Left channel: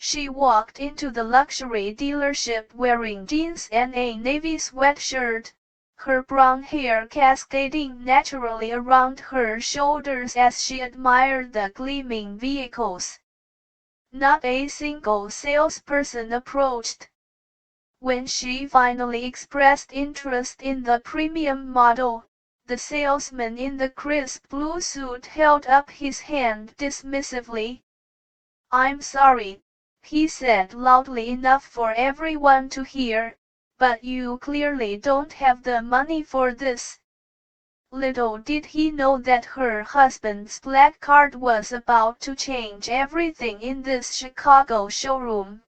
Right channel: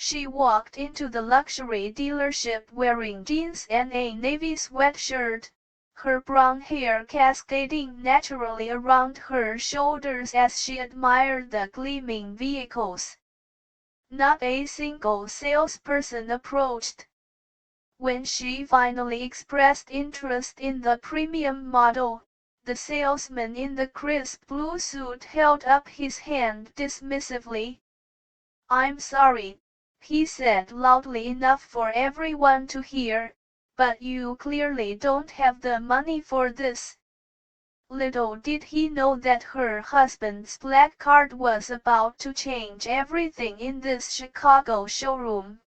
She walked into the luxury dealership wearing jeans and a navy sweatshirt, her brown hair cascading naturally around her shoulders as she admired the gleaming vehicles. Not a single salesperson approached. When she finally expressed interest in the premium model, the salesman in the crisp blue suit held up his hand dismissively. "I'm sorry," he said loudly enough for everyone to hear, "but you clearly don't have the money for this." Little did he know that her husband's black card was about to change everything in this Chicago showroom.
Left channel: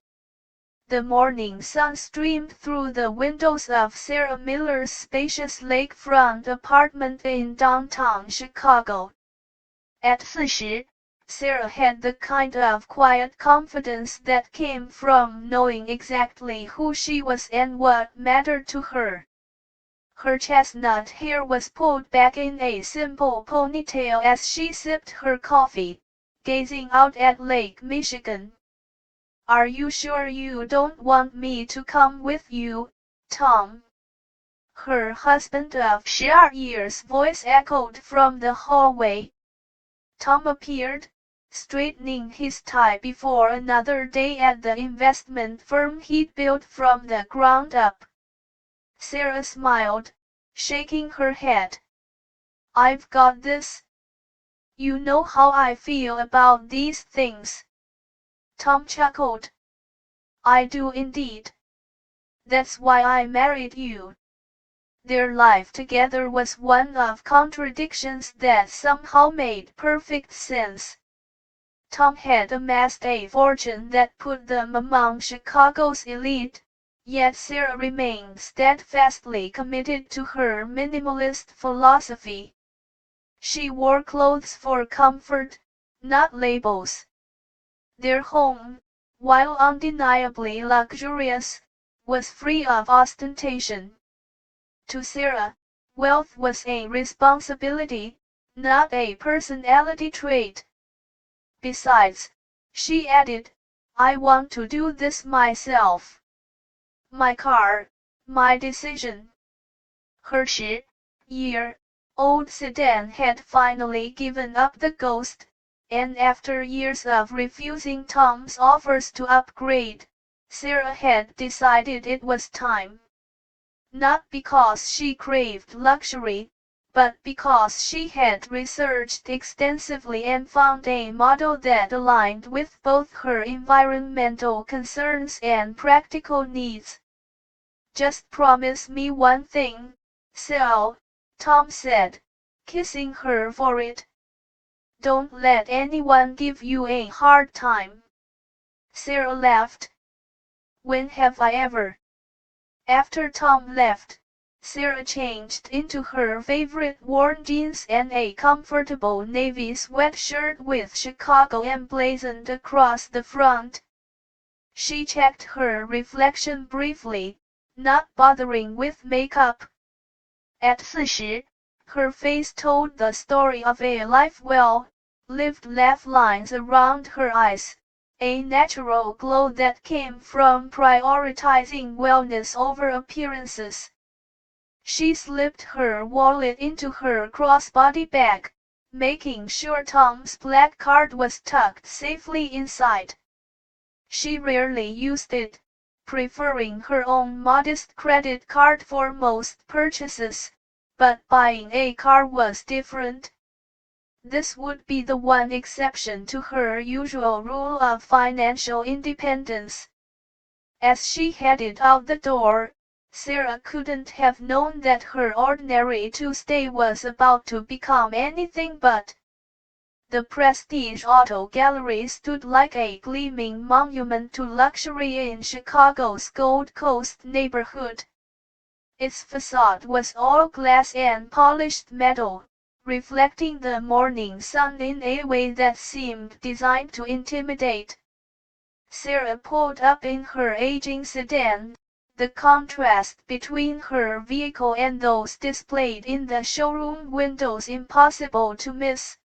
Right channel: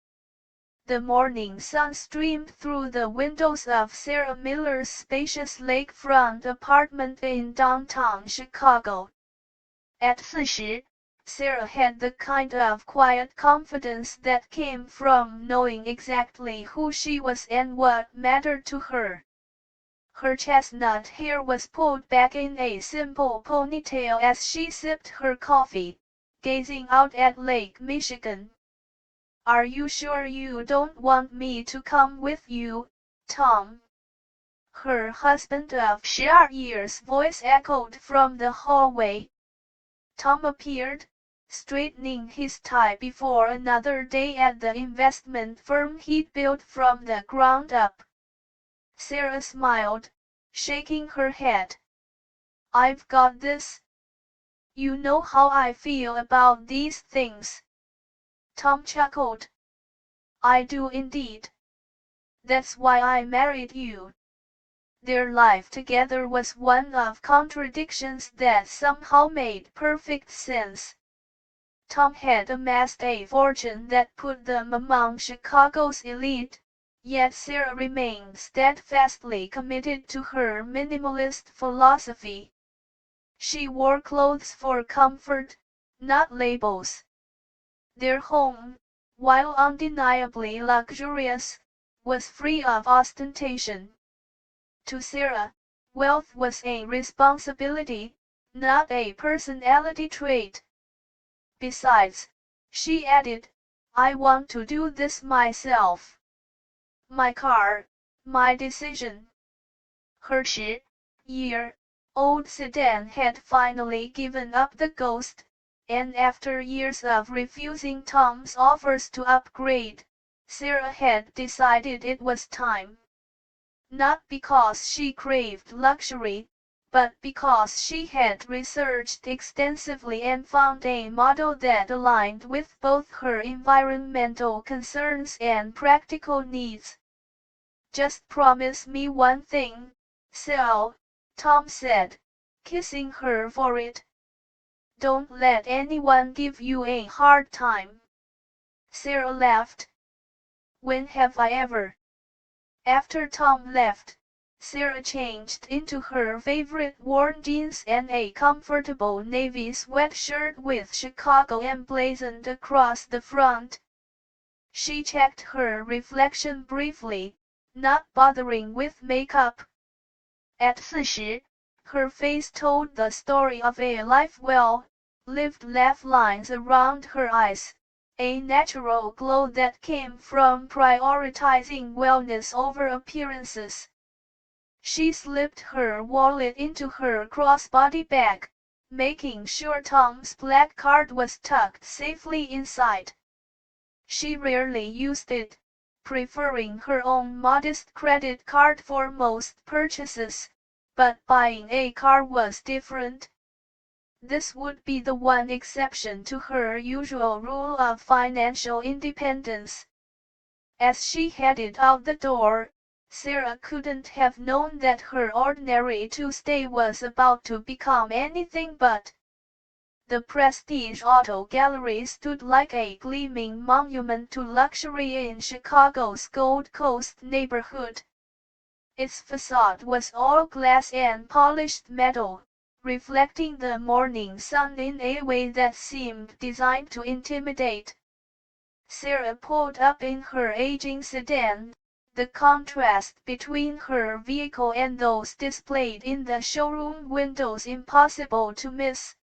The morning sun streamed through the windows of Sarah Miller's spacious lakefront apartment in downtown Chicago. At 40, Sarah had the kind of quiet confidence that came from knowing exactly who she was and what mattered to her. Her chestnut hair was pulled back in a simple ponytail as she sipped her coffee, gazing out at Lake Michigan. "Are you sure you don't want me to come with you, Tom?" Her husband of 40's voice echoed from the hallway. Tom appeared, straightening his tie before another day at the investment firm he'd built from the ground up. Sarah smiled, shaking her head. "I've got this. You know how I feel about these things." Tom chuckled. "I do indeed. That's why I married you." Their life together was one of contradictions that somehow made perfect sense. Tom had amassed a fortune that put them among Chicago's elite, yet Sarah remained steadfastly committed to her minimalist philosophy. She wore clothes for comfort, not labels. Their home, while undeniably luxurious, was free of ostentation. To Sarah, wealth was a responsibility, not a personality trait. Besides, she added, "I want to do this myself. My car, my decision." Her 10-year-old sedan had finally given up the ghost, and after years of refusing Tom's offers to upgrade, Sarah had decided it was time. Not because she craved luxury, but because she had researched extensively and found a model that aligned with both her environmental concerns and practical needs. "Just promise me one thing, Sal," Tom said, kissing her forehead. "Don't let anyone give you a hard time." Sarah laughed. "When have I ever?" After Tom left, Sarah changed into her favorite worn jeans and a comfortable navy sweatshirt with Chicago emblazoned across the front. She checked her reflection briefly, not bothering with makeup. At 40, her face told the story of a life well lived, laugh lines around her eyes, a natural glow that came from prioritizing wellness over appearances. She slipped her wallet into her crossbody bag, making sure Tom's black card was tucked safely inside. She rarely used it, preferring her own modest credit card for most purchases, but buying a car was different. This would be the one exception to her usual rule of financial independence. As she headed out the door, Sarah couldn't have known that her ordinary Tuesday was about to become anything but. The Prestige Auto Gallery stood like a gleaming monument to luxury in Chicago's Gold Coast neighborhood. Its facade was all glass and polished metal, reflecting the morning sun in a way that seemed designed to intimidate. Sarah pulled up in her aging sedan, the contrast between her vehicle and those displayed in the showroom windows impossible to miss.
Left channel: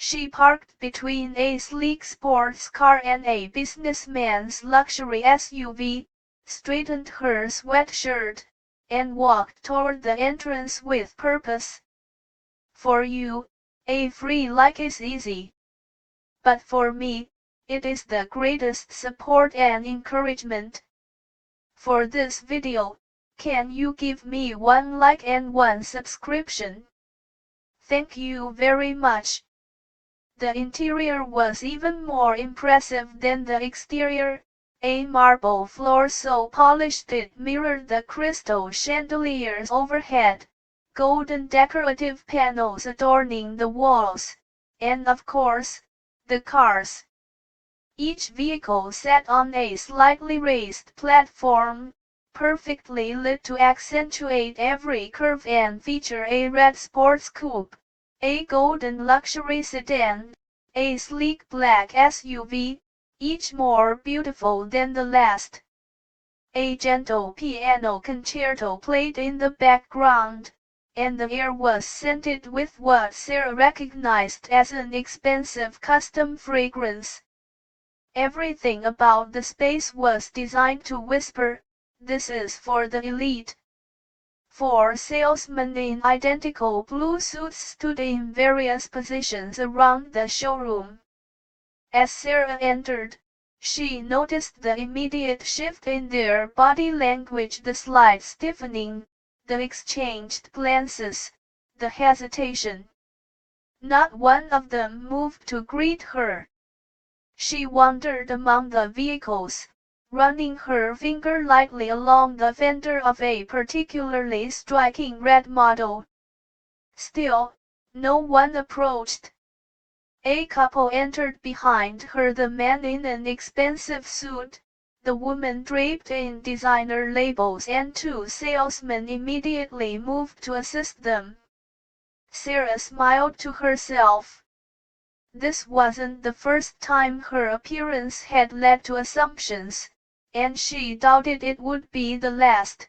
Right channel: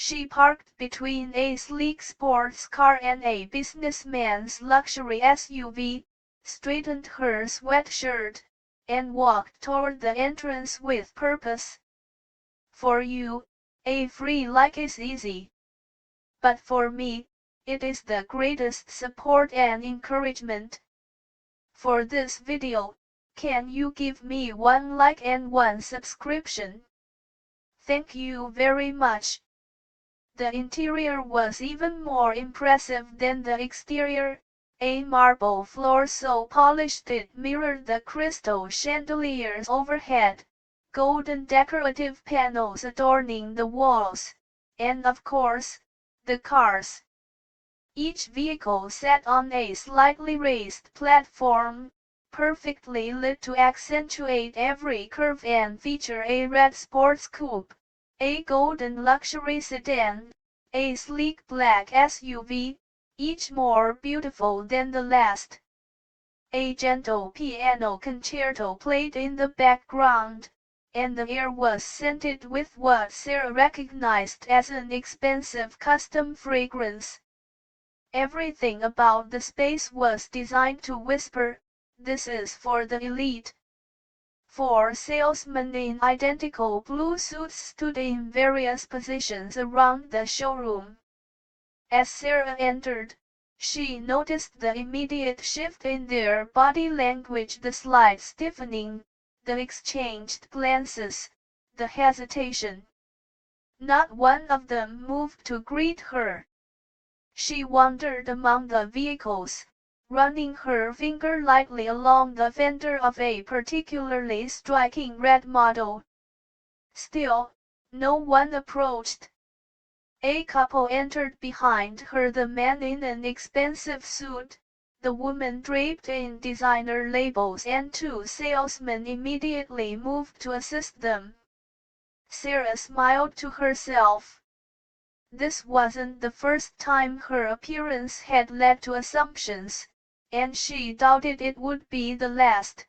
She parked between a sleek sports car and a businessman's luxury SUV, straightened her sweatshirt, and walked toward the entrance with purpose. For you, a free like is easy. But for me, it is the greatest support and encouragement. For this video, can you give me 1 like and 1 subscription? Thank you very much. The interior was even more impressive than the exterior, a marble floor so polished it mirrored the crystal chandeliers overhead, golden decorative panels adorning the walls, and of course, the cars. Each vehicle sat on a slightly raised platform, perfectly lit to accentuate every curve and feature a red sports coupe, a golden luxury sedan, a sleek black SUV, each more beautiful than the last. A gentle piano concerto played in the background, and the air was scented with what Sarah recognized as an expensive custom fragrance. Everything about the space was designed to whisper, "This is for the elite." 4 salesmen in identical blue suits stood in various positions around the showroom. As Sarah entered, she noticed the immediate shift in their body language, the slight stiffening, the exchanged glances, the hesitation. Not one of them moved to greet her. She wandered among the vehicles, running her finger lightly along the fender of a particularly striking red model. Still, no one approached. A couple entered behind her, the man in an expensive suit, the woman draped in designer labels, and 2 salesmen immediately moved to assist them. Sarah smiled to herself. This wasn't the first time her appearance had led to assumptions, and she doubted it would be the last.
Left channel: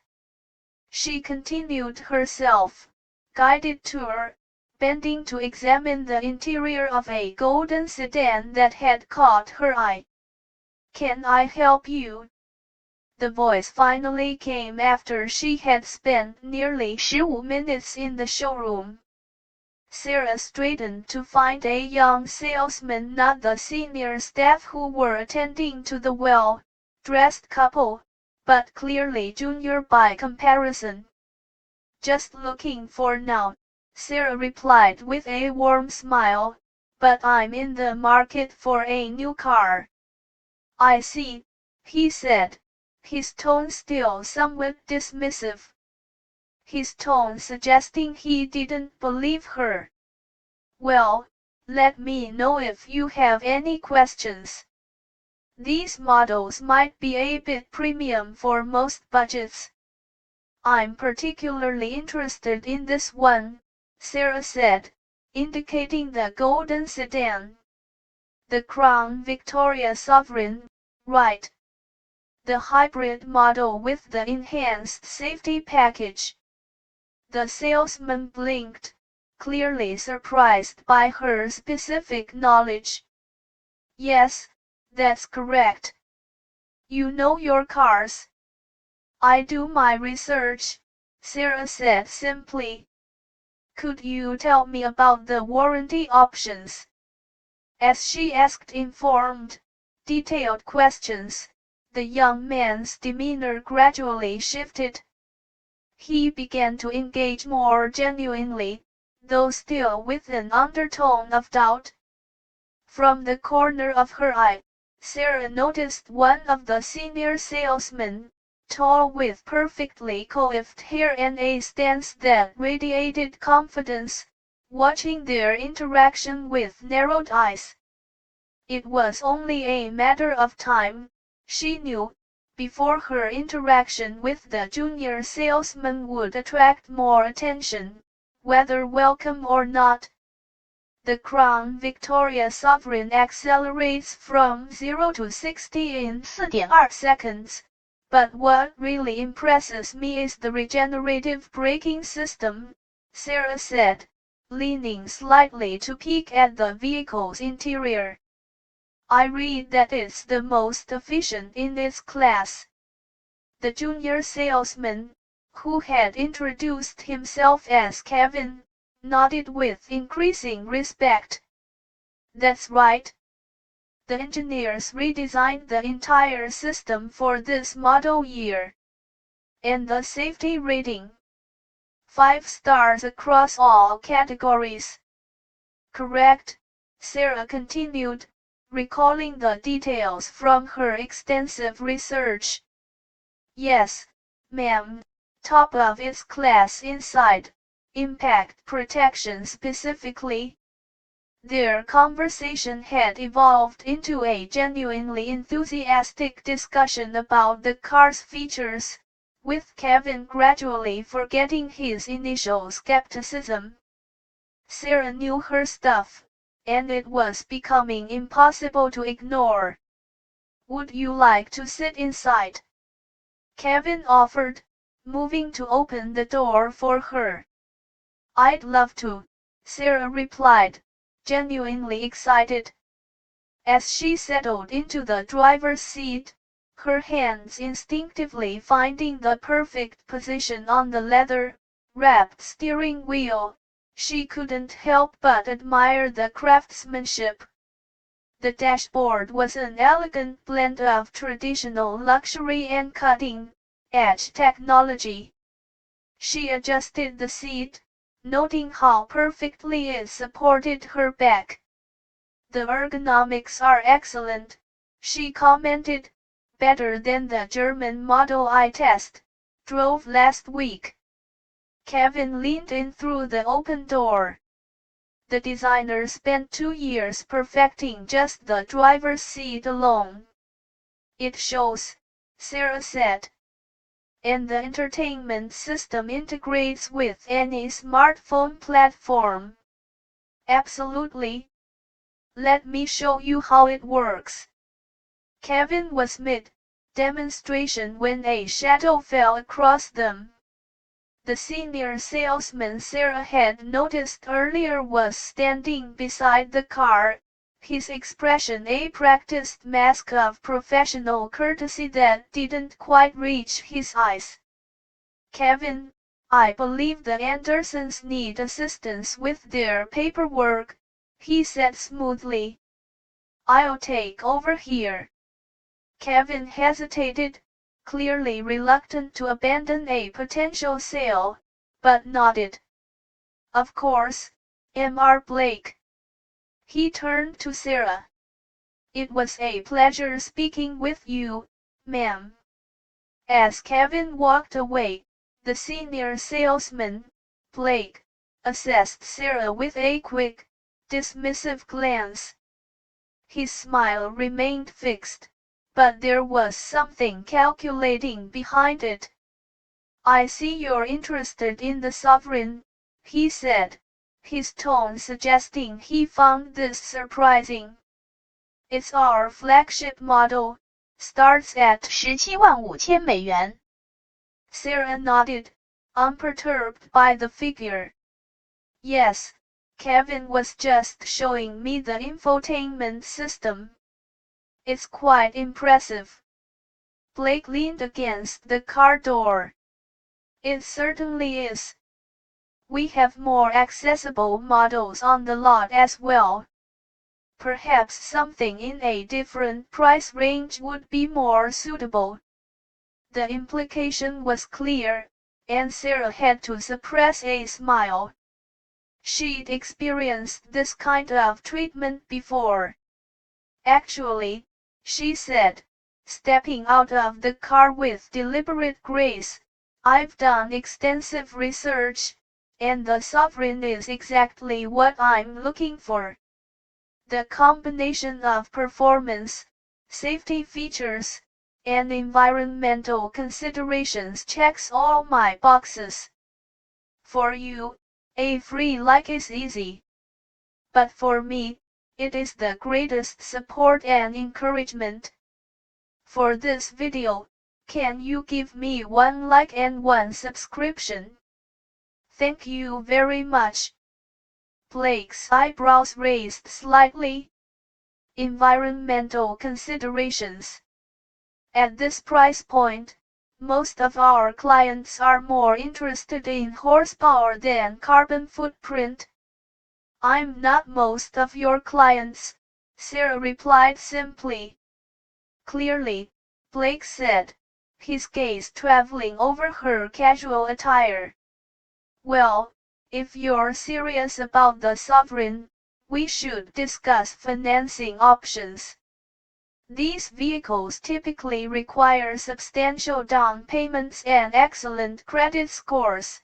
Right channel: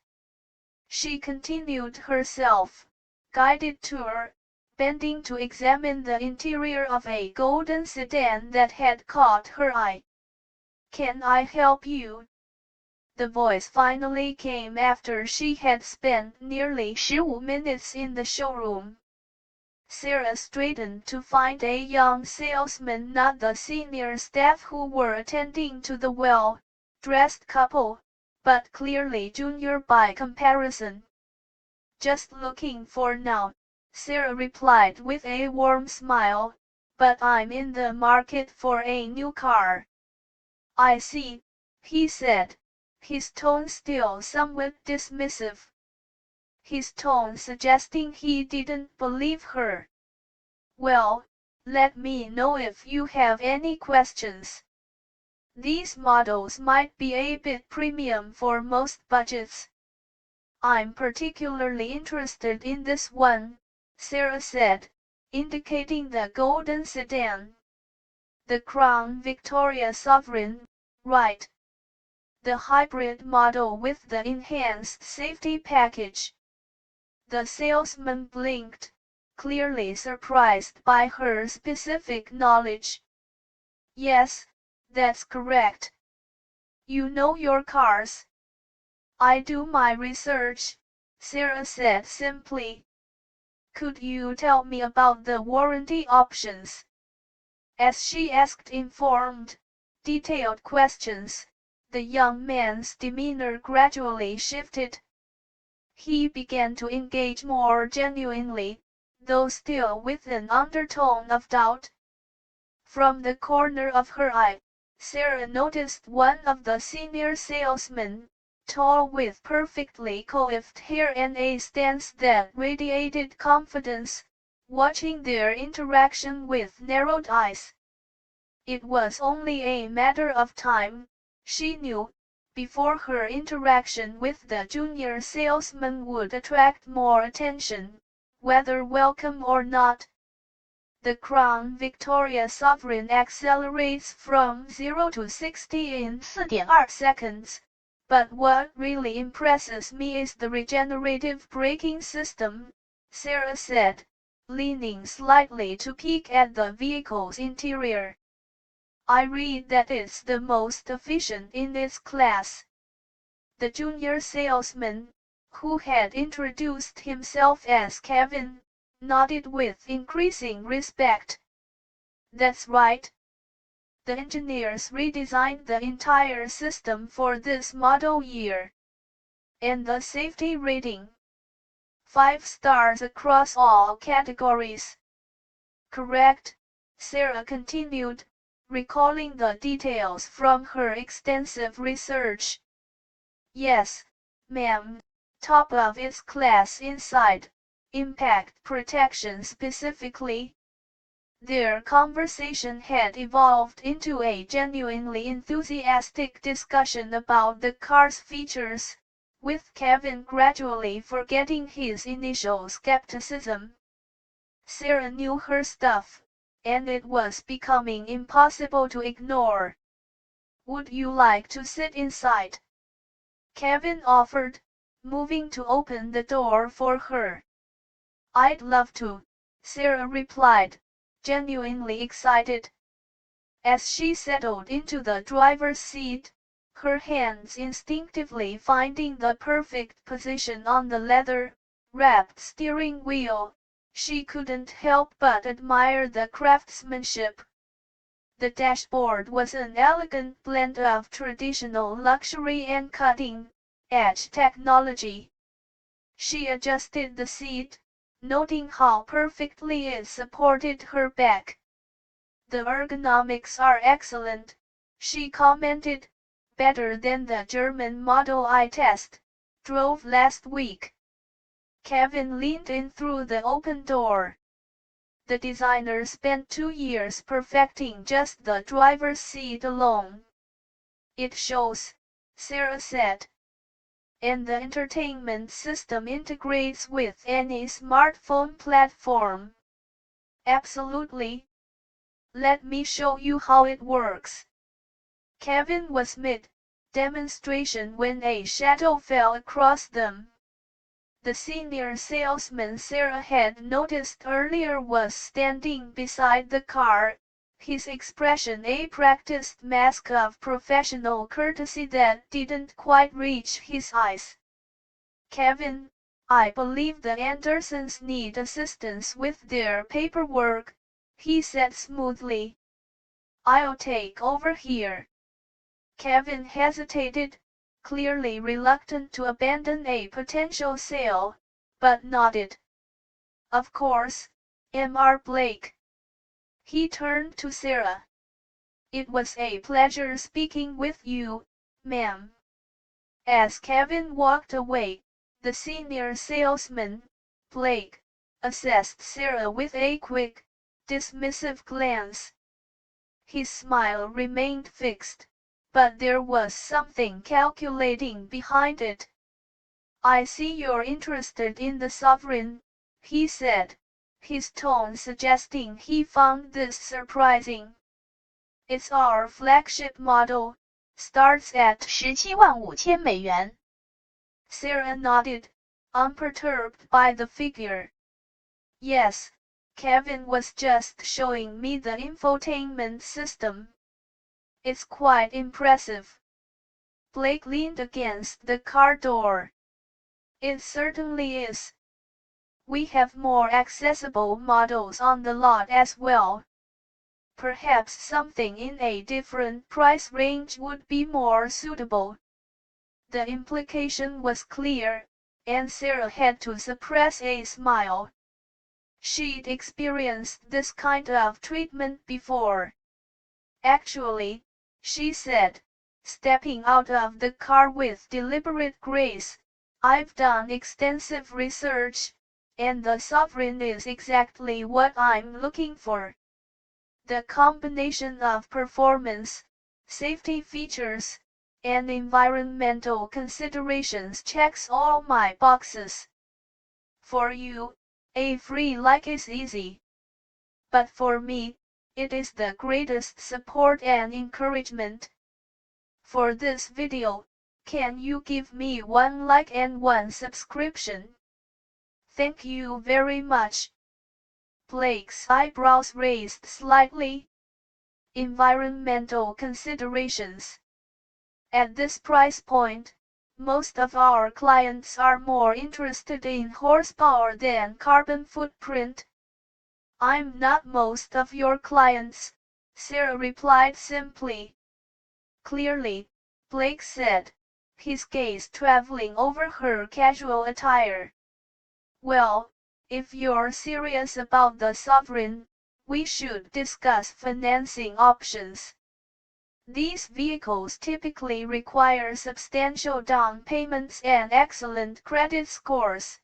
She continued her self-guided tour, bending to examine the interior of a golden sedan that had caught her eye. "Can I help you?" The voice finally came after she had spent nearly 15 minutes in the showroom. Sarah straightened to find a young salesman, not the senior staff who were attending to the well-dressed couple, but clearly junior by comparison. "Just looking for now," Sarah replied with a warm smile, "but I'm in the market for a new car." "I see," he said, his tone still somewhat dismissive. His tone suggesting he didn't believe her. "Well, let me know if you have any questions. These models might be a bit premium for most budgets." "I'm particularly interested in this one," Sarah said, indicating the golden sedan. "The Crown Victoria Sovereign, right? The hybrid model with the enhanced safety package." The salesman blinked, clearly surprised by her specific knowledge. "Yes, that's correct. You know your cars." "I do my research," Sarah said simply. "Could you tell me about the warranty options?" As she asked informed, detailed questions, the young man's demeanor gradually shifted. He began to engage more genuinely, though still with an undertone of doubt. From the corner of her eye, Sarah noticed one of the senior salesmen, tall with perfectly coiffed hair and a stance that radiated confidence, watching their interaction with narrowed eyes. It was only a matter of time, she knew, before her interaction with the junior salesman would attract more attention, whether welcome or not. The Crown Victoria Sovereign accelerates from 0 to 60 in 4.2 seconds, but what really impresses me is the regenerative braking system, Sarah said, leaning slightly to peek at the vehicle's interior. I read that it's the most efficient in its class. The junior salesman, who had introduced himself as Kevin, nodded with increasing respect. That's right. The engineers redesigned the entire system for this model year. And the safety rating? 5 stars across all categories. Correct, Sarah continued, recalling the details from her extensive research. Yes, ma'am, top of its class inside, impact protection specifically. Their conversation had evolved into a genuinely enthusiastic discussion about the car's features, with Kevin gradually forgetting his initial skepticism. Sarah knew her stuff, and it was becoming impossible to ignore. Would you like to sit inside? Kevin offered, moving to open the door for her. I'd love to, Sarah replied, genuinely excited. As she settled into the driver's seat, her hands instinctively finding the perfect position on the leather-wrapped steering wheel, she couldn't help but admire the craftsmanship. The dashboard was an elegant blend of traditional luxury and cutting-edge technology. She adjusted the seat, noting how perfectly it supported her back. The ergonomics are excellent, she commented, better than the German model I drove last week. Kevin leaned in through the open door. The designer spent 2 years perfecting just the driver's seat alone. It shows, Sarah said. And the entertainment system integrates with any smartphone platform. Absolutely. Let me show you how it works. Kevin was mid-demonstration when a shadow fell across them. The senior salesman Sarah had noticed earlier was standing beside the car, his expression a practiced mask of professional courtesy that didn't quite reach his eyes. Kevin, I believe the Andersons need assistance with their paperwork, he said smoothly. I'll take over here. Kevin hesitated, clearly reluctant to abandon a potential sale, but nodded. Of course, Mr. Blake. He turned to Sarah. It was a pleasure speaking with you, ma'am. As Kevin walked away, the senior salesman, Blake, assessed Sarah with a quick, dismissive glance. His smile remained fixed, but there was something calculating behind it. I see you're interested in the Sovereign, he said, his tone suggesting he found this surprising. It's our flagship model, starts at $175,000. Sarah nodded, unperturbed by the figure. Yes, Kevin was just showing me the infotainment system. It's quite impressive. Blake leaned against the car door. It certainly is. We have more accessible models on the lot as well. Perhaps something in a different price range would be more suitable. The implication was clear, and Sarah had to suppress a smile. She'd experienced this kind of treatment before. Actually, she said, stepping out of the car with deliberate grace, I've done extensive research, and the Sovereign is exactly what I'm looking for. The combination of performance, safety features, and environmental considerations checks all my boxes. For you, a free like is easy. But for me, it is the greatest support and encouragement. For this video, can you give me 1 like and 1 subscription? Thank you very much. Blake's eyebrows raised slightly. Environmental considerations. At this price point, most of our clients are more interested in horsepower than carbon footprint. I'm not most of your clients, Sarah replied simply. Clearly, Blake said, his gaze traveling over her casual attire. Well, if you're serious about the sovereign, we should discuss financing options. These vehicles typically require substantial down payments and excellent credit scores.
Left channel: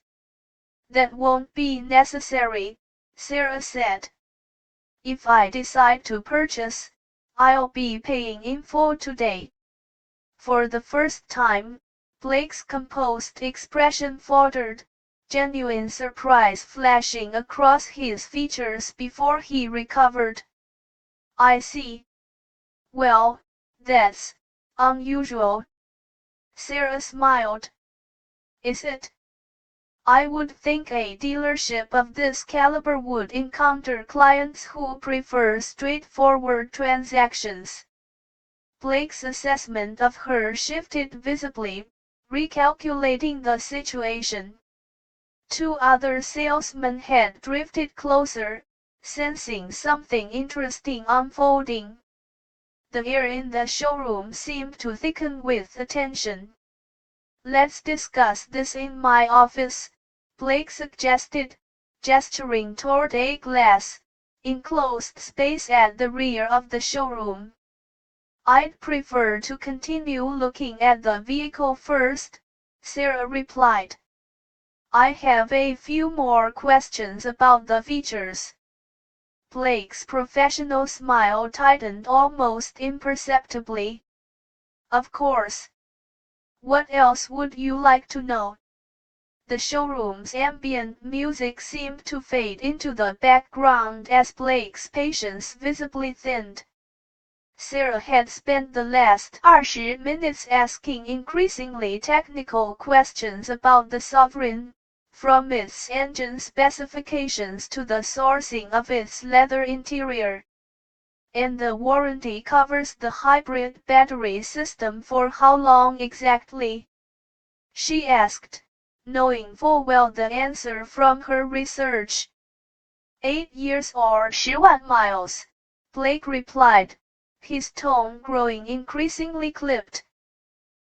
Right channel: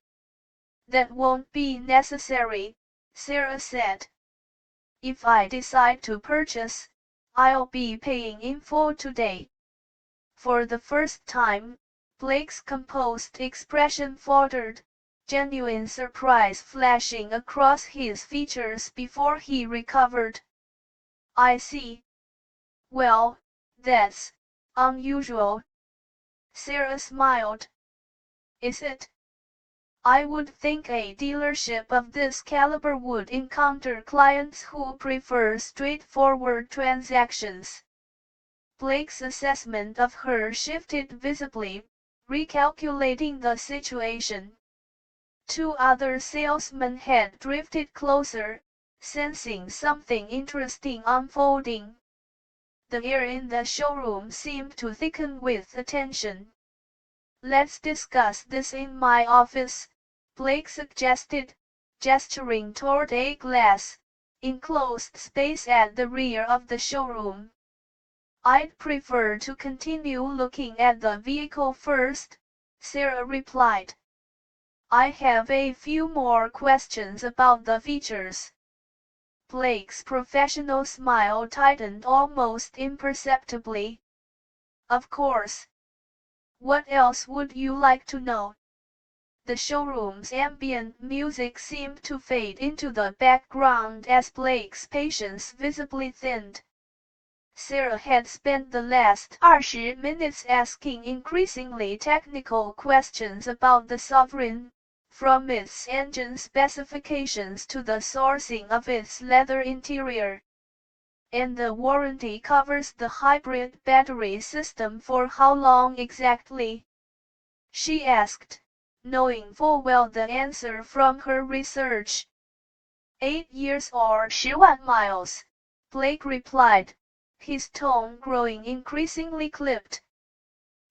That won't be necessary, Sarah said. If I decide to purchase, I'll be paying in full today. For the first time, Blake's composed expression faltered, genuine surprise flashing across his features before he recovered. I see. Well, that's unusual. Sarah smiled. Is it? I would think a dealership of this caliber would encounter clients who prefer straightforward transactions. Blake's assessment of her shifted visibly, recalculating the situation. Two other salesmen had drifted closer, sensing something interesting unfolding. The air in the showroom seemed to thicken with attention. Let's discuss this in my office, Blake suggested, gesturing toward a glass, enclosed space at the rear of the showroom. I'd prefer to continue looking at the vehicle first, Sarah replied. I have a few more questions about the features. Blake's professional smile tightened almost imperceptibly. Of course. What else would you like to know? The showroom's ambient music seemed to fade into the background as Blake's patience visibly thinned. Sarah had spent the last 20 minutes asking increasingly technical questions about the Sovereign, from its engine specifications to the sourcing of its leather interior. And the warranty covers the hybrid battery system for how long exactly? She asked, knowing full well the answer from her research. 8 years or 10,000 miles, Blake replied, his tone growing increasingly clipped.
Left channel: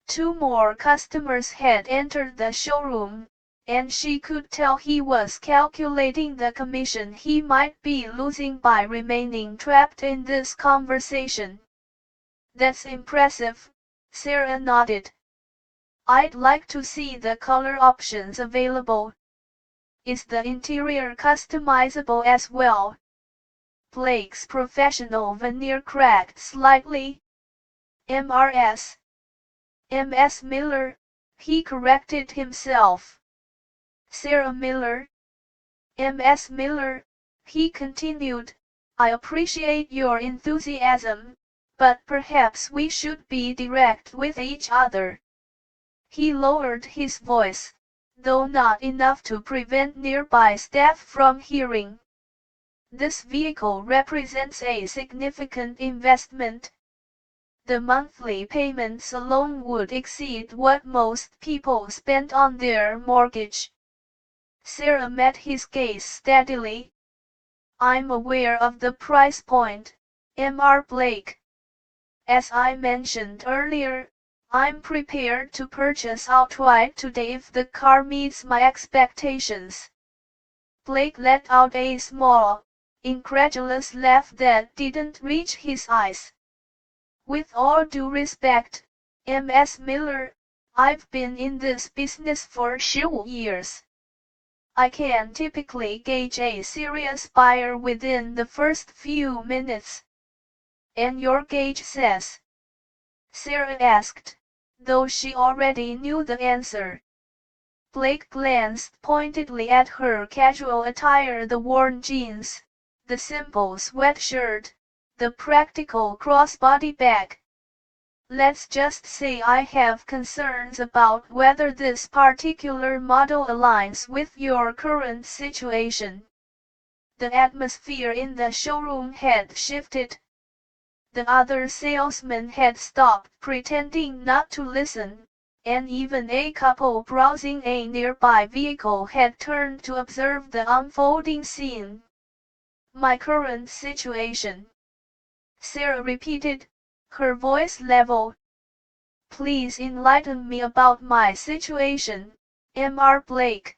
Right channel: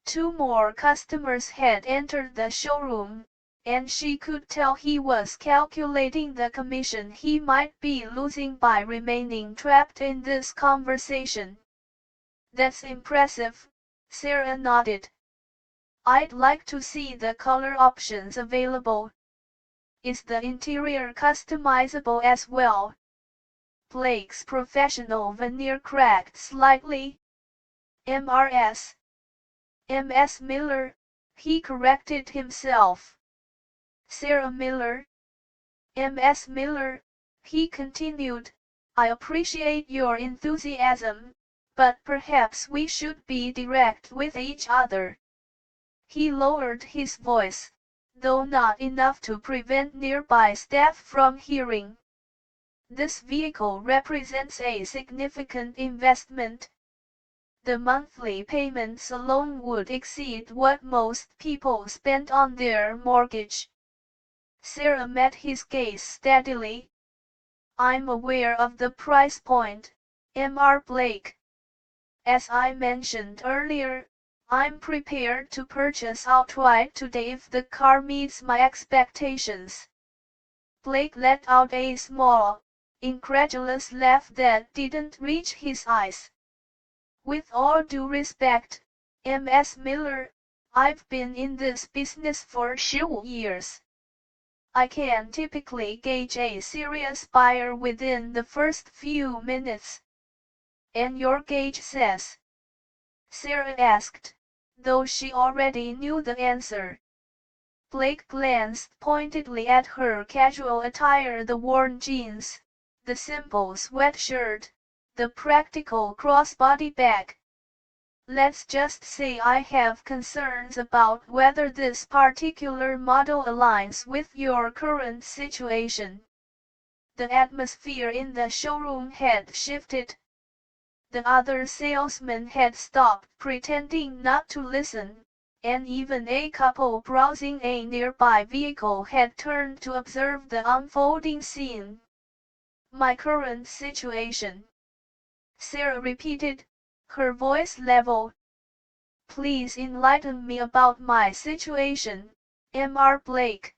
Two more customers had entered the showroom, and she could tell he was calculating the commission he might be losing by remaining trapped in this conversation. That's impressive, Sarah nodded. I'd like to see the color options available. Is the interior customizable as well? Blake's professional veneer cracked slightly. MRS. MS Miller, he corrected himself. Sarah Miller. MS Miller, he continued, I appreciate your enthusiasm, but perhaps we should be direct with each other. He lowered his voice, though not enough to prevent nearby staff from hearing. This vehicle represents a significant investment. The monthly payments alone would exceed what most people spend on their mortgage. Sarah met his gaze steadily. I'm aware of the price point, Mr. Blake. As I mentioned earlier, I'm prepared to purchase outright today if the car meets my expectations. Blake let out a small, incredulous laugh that didn't reach his eyes. With all due respect, MS Miller, I've been in this business for 15 years. I can typically gauge a serious buyer within the first few minutes. And your gauge says? Sarah asked, though she already knew the answer. Blake glanced pointedly at her casual attire, the worn jeans, the simple sweatshirt, the practical crossbody bag. Let's just say I have concerns about whether this particular model aligns with your current situation. The atmosphere in the showroom had shifted. The other salesmen had stopped pretending not to listen, and even a couple browsing a nearby vehicle had turned to observe the unfolding scene. "My current situation," Sarah repeated, her voice level. "Please enlighten me about my situation, Mr. Blake."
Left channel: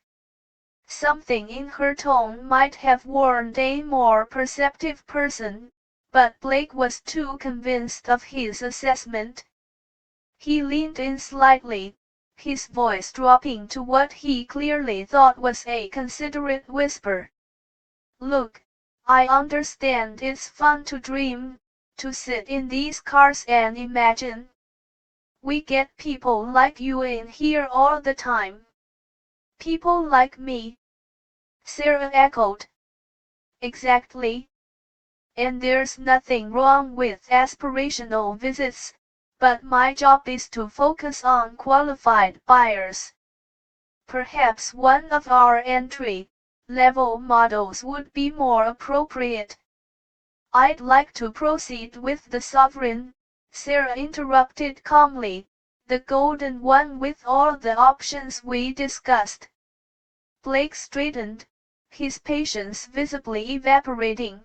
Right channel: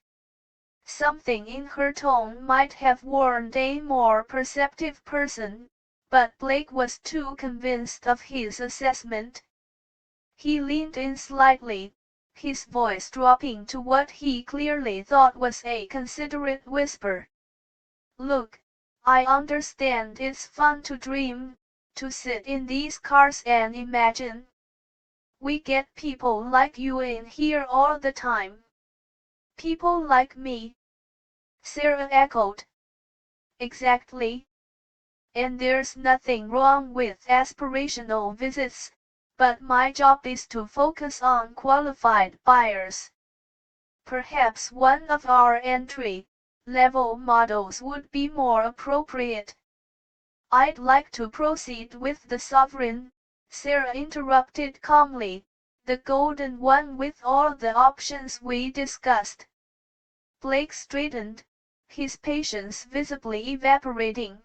Something in her tone might have warned a more perceptive person, but Blake was too convinced of his assessment. He leaned in slightly, his voice dropping to what he clearly thought was a considerate whisper. "Look, I understand it's fun to dream, to sit in these cars and imagine. We get people like you in here all the time." "People like me?" Sarah echoed. "Exactly. And there's nothing wrong with aspirational visits, but my job is to focus on qualified buyers. Perhaps one of our entry-level models would be more appropriate." "I'd like to proceed with the sovereign," Sarah interrupted calmly, "the golden one with all the options we discussed." Blake straightened, his patience visibly evaporating.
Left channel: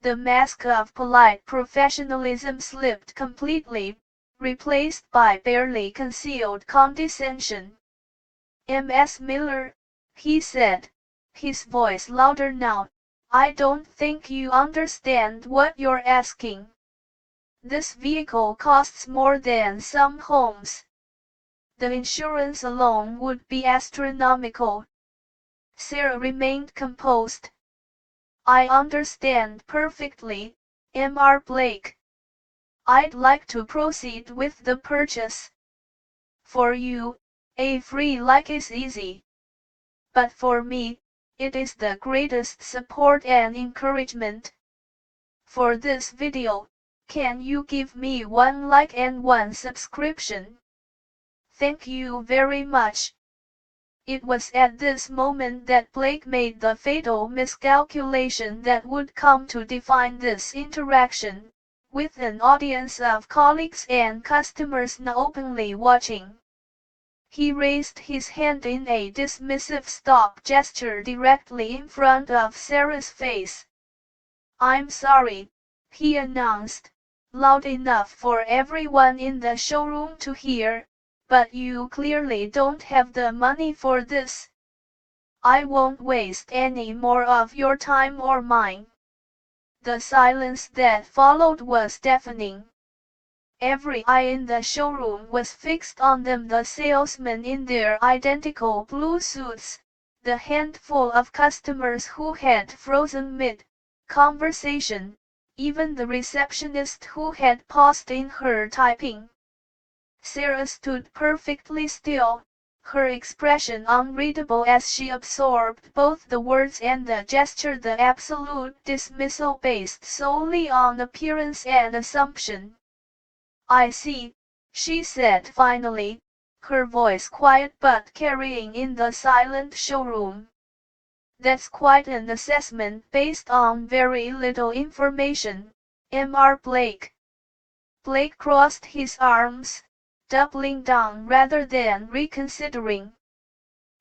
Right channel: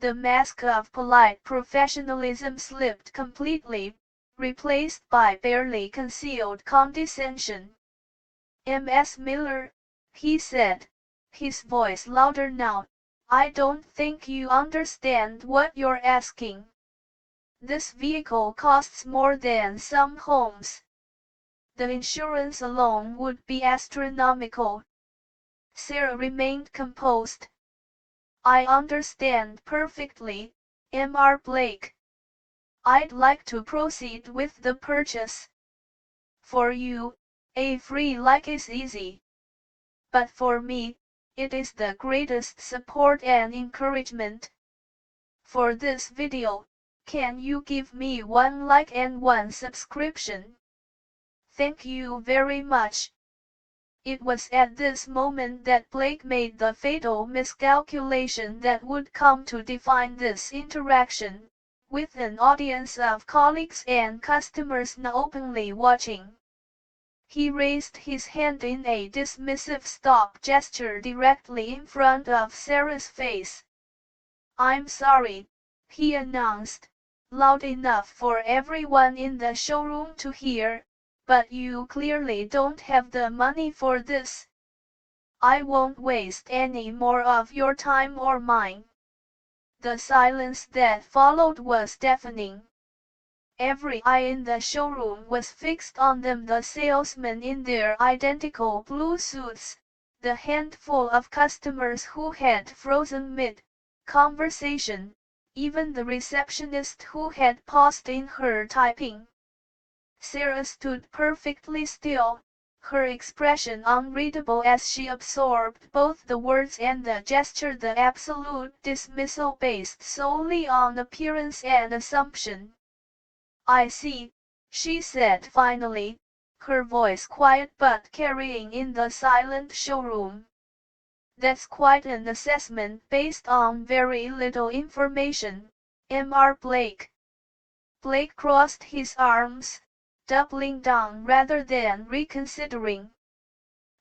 The mask of polite professionalism slipped completely, replaced by barely concealed condescension. "Ms. Miller," he said, his voice louder now, "I don't think you understand what you're asking. This vehicle costs more than some homes. The insurance alone would be astronomical." Sarah remained composed. "I understand perfectly, Mr. Blake. I'd like to proceed with the purchase. For you, a free like is easy. But for me, it is the greatest support and encouragement. For this video, can you give me one like and one subscription? Thank you very much." It was at this moment that Blake made the fatal miscalculation that would come to define this interaction, with an audience of colleagues and customers now openly watching. He raised his hand in a dismissive stop gesture directly in front of Sarah's face. "I'm sorry," he announced, loud enough for everyone in the showroom to hear, "but you clearly don't have the money for this. I won't waste any more of your time or mine." The silence that followed was deafening. Every eye in the showroom was fixed on them, the salesmen in their identical blue suits, the handful of customers who had frozen mid-conversation, even the receptionist who had paused in her typing. Sarah stood perfectly still, her expression unreadable as she absorbed both the words and the gesture, the absolute dismissal based solely on appearance and assumption. "I see," she said finally, her voice quiet but carrying in the silent showroom. "That's quite an assessment based on very little information, Mr. Blake." Blake crossed his arms, doubling down rather than reconsidering.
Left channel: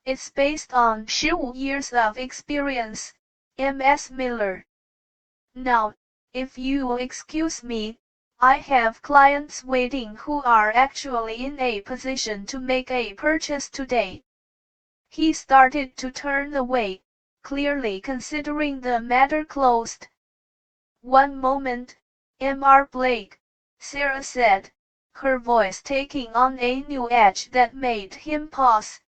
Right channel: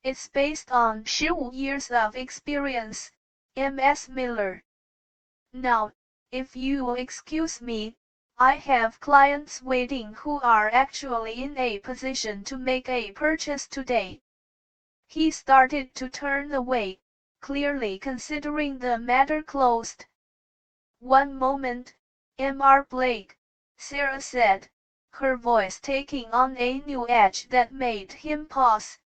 "It's based on 15 years of experience, Ms. Miller. Now, if you'll excuse me, I have clients waiting who are actually in a position to make a purchase today." He started to turn away, clearly considering the matter closed. "One moment, Mr. Blake," Sarah said, her voice taking on a new edge that made him pause.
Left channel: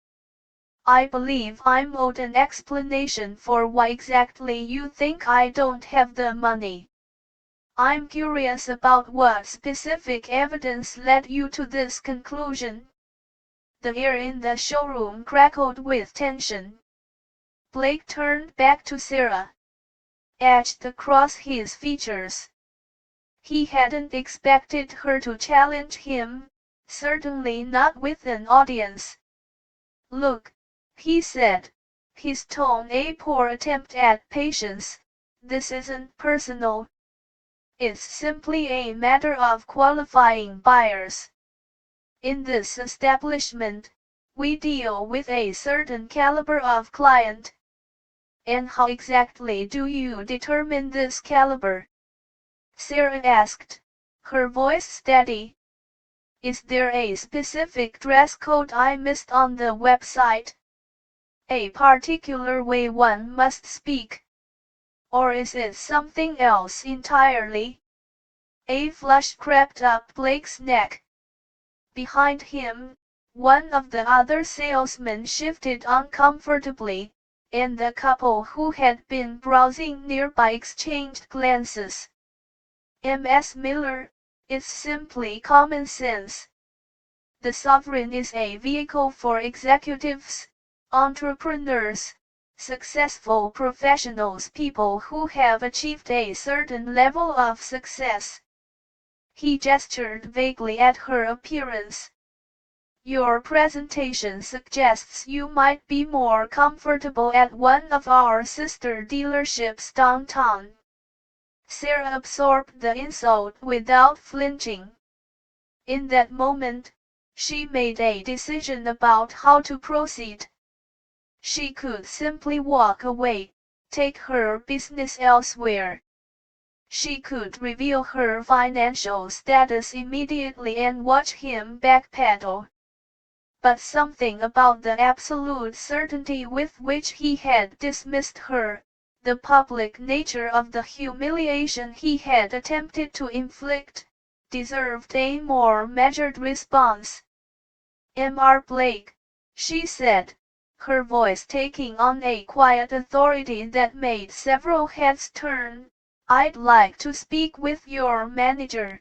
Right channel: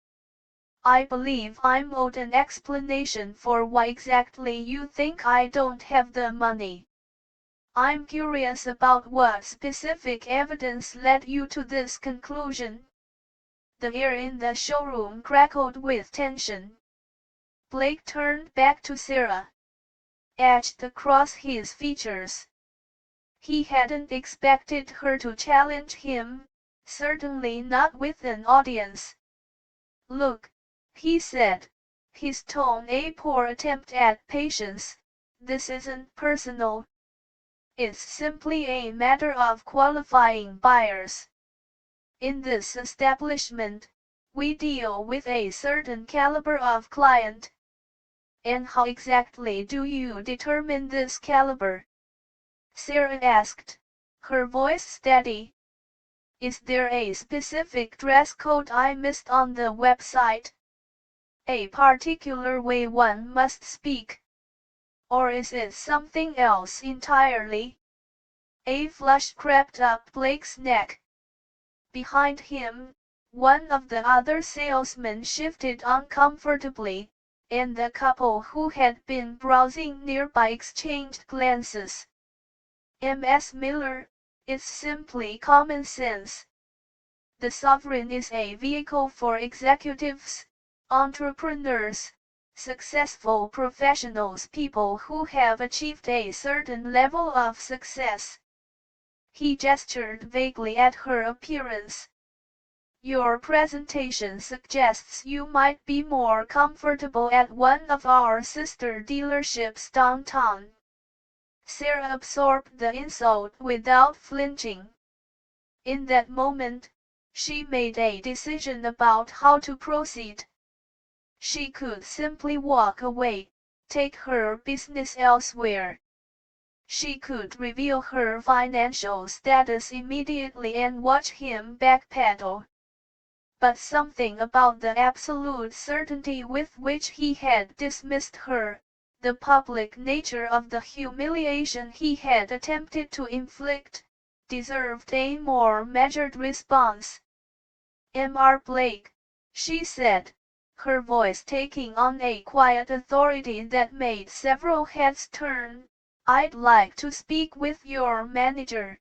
"I believe I'm owed an explanation for why exactly you think I don't have the money. I'm curious about what specific evidence led you to this conclusion." The air in the showroom crackled with tension. Blake turned back to Sarah. Etched across his features. He hadn't expected her to challenge him, certainly not with an audience. "Look," he said, his tone a poor attempt at patience. "This isn't personal. It's simply a matter of qualifying buyers. In this establishment, we deal with a certain caliber of client." "And how exactly do you determine this caliber?" Sarah asked, her voice steady. "Is there a specific dress code I missed on the website? A particular way one must speak? Or is it something else entirely?" A flush crept up Blake's neck. Behind him, one of the other salesmen shifted uncomfortably, and the couple who had been browsing nearby exchanged glances. "Ms. Miller, it's simply common sense. The Sovereign is a vehicle for executives, entrepreneurs, successful professionals, people who have achieved a certain level of success." He gestured vaguely at her appearance. "Your presentation suggests you might be more comfortable at one of our sister dealerships downtown." Sarah absorbed the insult without flinching. In that moment, she made a decision about how to proceed. She could simply walk away, take her business elsewhere. She could reveal her financial status immediately and watch him backpedal. But something about the absolute certainty with which he had dismissed her, the public nature of the humiliation he had attempted to inflict, deserved a more measured response. "Mr. Blake," she said, her voice taking on a quiet authority that made several heads turn, "I'd like to speak with your manager."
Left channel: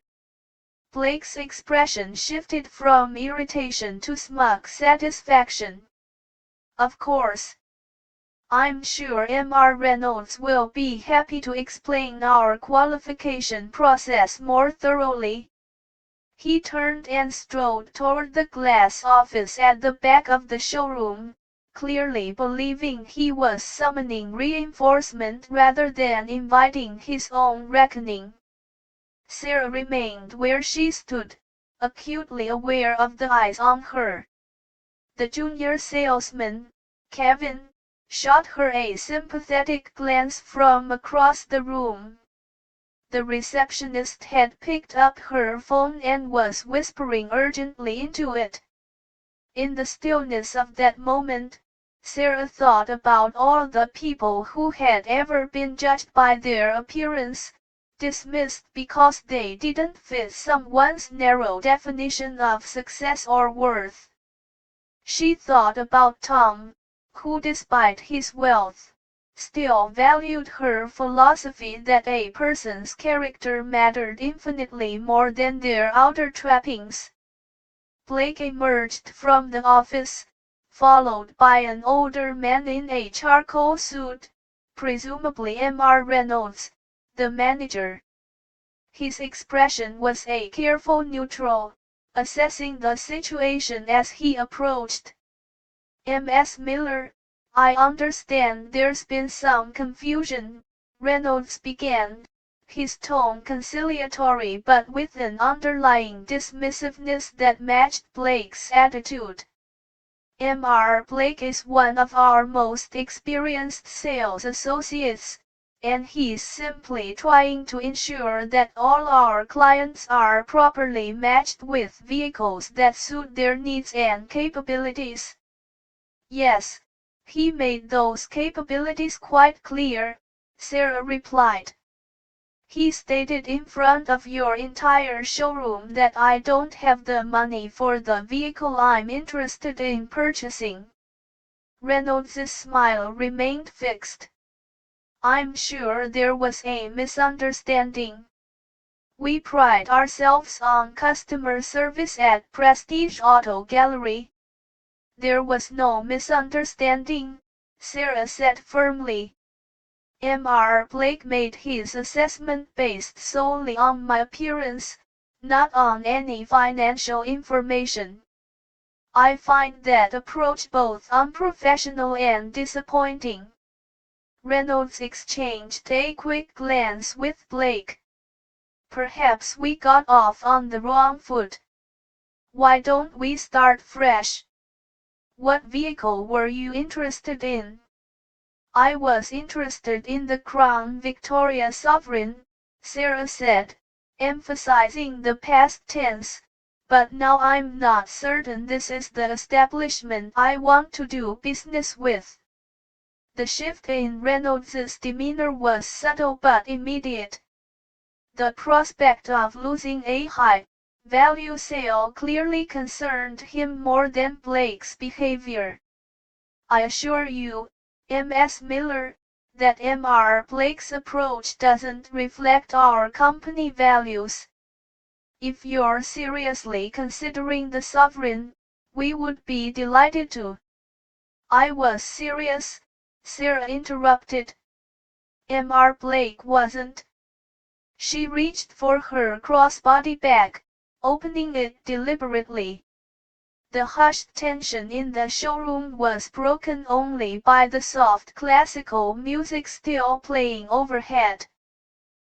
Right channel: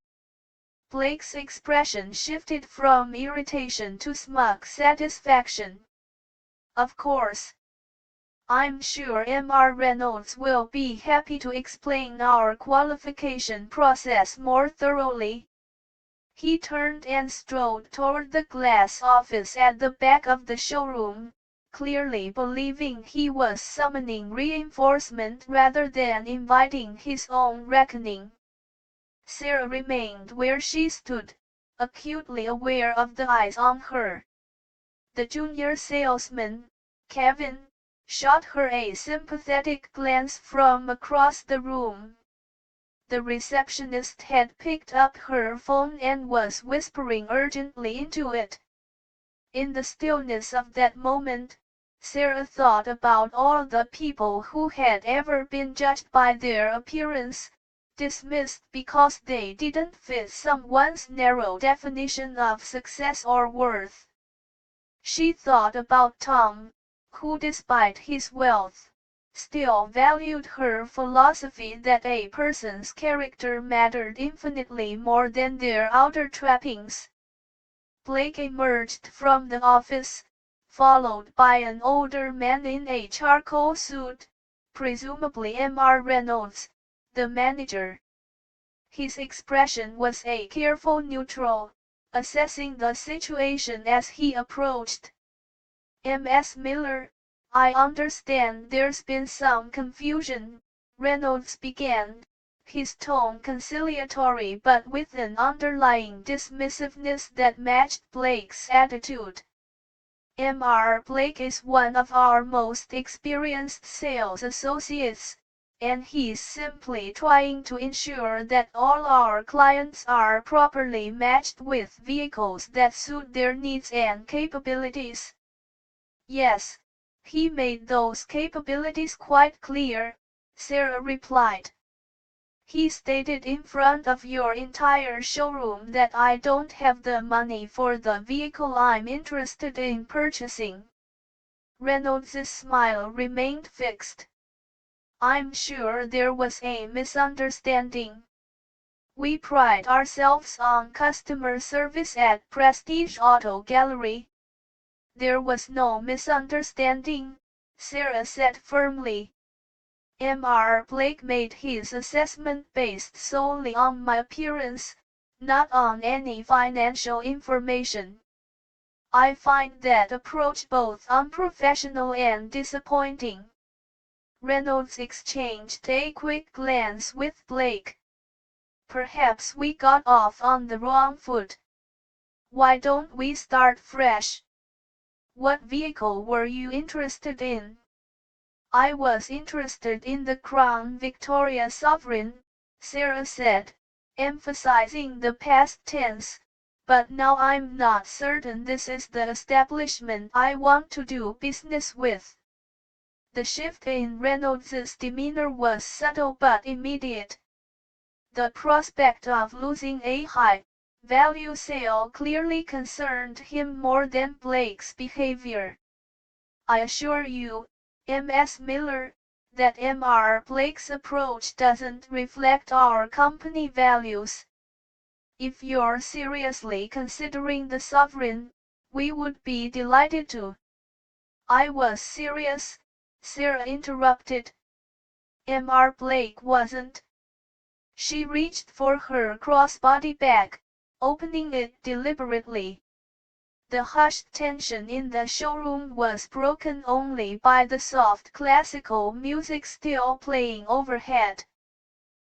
Blake's expression shifted from irritation to smug satisfaction. "Of course. I'm sure Mr. Reynolds will be happy to explain our qualification process more thoroughly." He turned and strode toward the glass office at the back of the showroom, clearly believing he was summoning reinforcement rather than inviting his own reckoning. Sarah remained where she stood, acutely aware of the eyes on her. The junior salesman, Kevin, shot her a sympathetic glance from across the room. The receptionist had picked up her phone and was whispering urgently into it. In the stillness of that moment, Sarah thought about all the people who had ever been judged by their appearance, dismissed because they didn't fit someone's narrow definition of success or worth. She thought about Tom, who despite his wealth, still valued her philosophy that a person's character mattered infinitely more than their outer trappings. Blake emerged from the office, followed by an older man in a charcoal suit, presumably Mr. Reynolds, the manager. His expression was a careful neutral, assessing the situation as he approached. "Ms. Miller, I understand there's been some confusion," Reynolds began, his tone conciliatory but with an underlying dismissiveness that matched Blake's attitude. "Mr. Blake is one of our most experienced sales associates, and he's simply trying to ensure that all our clients are properly matched with vehicles that suit their needs and capabilities." "Yes, he made those capabilities quite clear," Sarah replied. "He stated in front of your entire showroom that I don't have the money for the vehicle I'm interested in purchasing." Reynolds' smile remained fixed. "I'm sure there was a misunderstanding. We pride ourselves on customer service at Prestige Auto Gallery." "There was no misunderstanding," Sarah said firmly. "Mr. Blake made his assessment based solely on my appearance, not on any financial information. I find that approach both unprofessional and disappointing. Reynolds exchanged a quick glance with Blake. Perhaps we got off on the wrong foot. Why don't we start fresh? What vehicle were you interested in? I was interested in the Crown Victoria Sovereign, Sarah said, emphasizing the past tense, but now I'm not certain this is the establishment I want to do business with. The shift in Reynolds's demeanor was subtle but immediate. The prospect of losing a high-value sale clearly concerned him more than Blake's behavior. I assure you, Ms. Miller, that Mr. Blake's approach doesn't reflect our company values. If you're seriously considering the Sovereign, we would be delighted to. I was serious, Sarah interrupted. Mr. Blake wasn't. She reached for her crossbody bag, opening it deliberately. The hushed tension in the showroom was broken only by the soft classical music still playing overhead.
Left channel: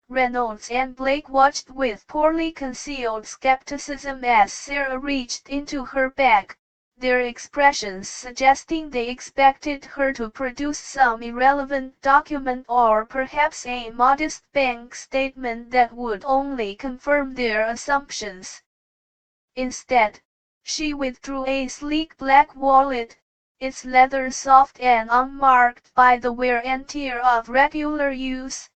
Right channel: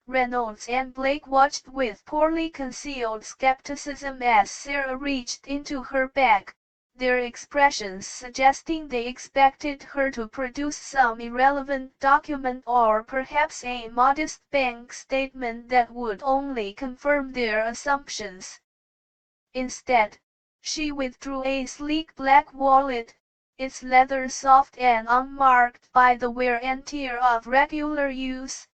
Reynolds and Blake watched with poorly concealed skepticism as Sarah reached into her bag, their expressions suggesting they expected her to produce some irrelevant document or perhaps a modest bank statement that would only confirm their assumptions. Instead, she withdrew a sleek black wallet, its leather soft and unmarked by the wear and tear of regular use.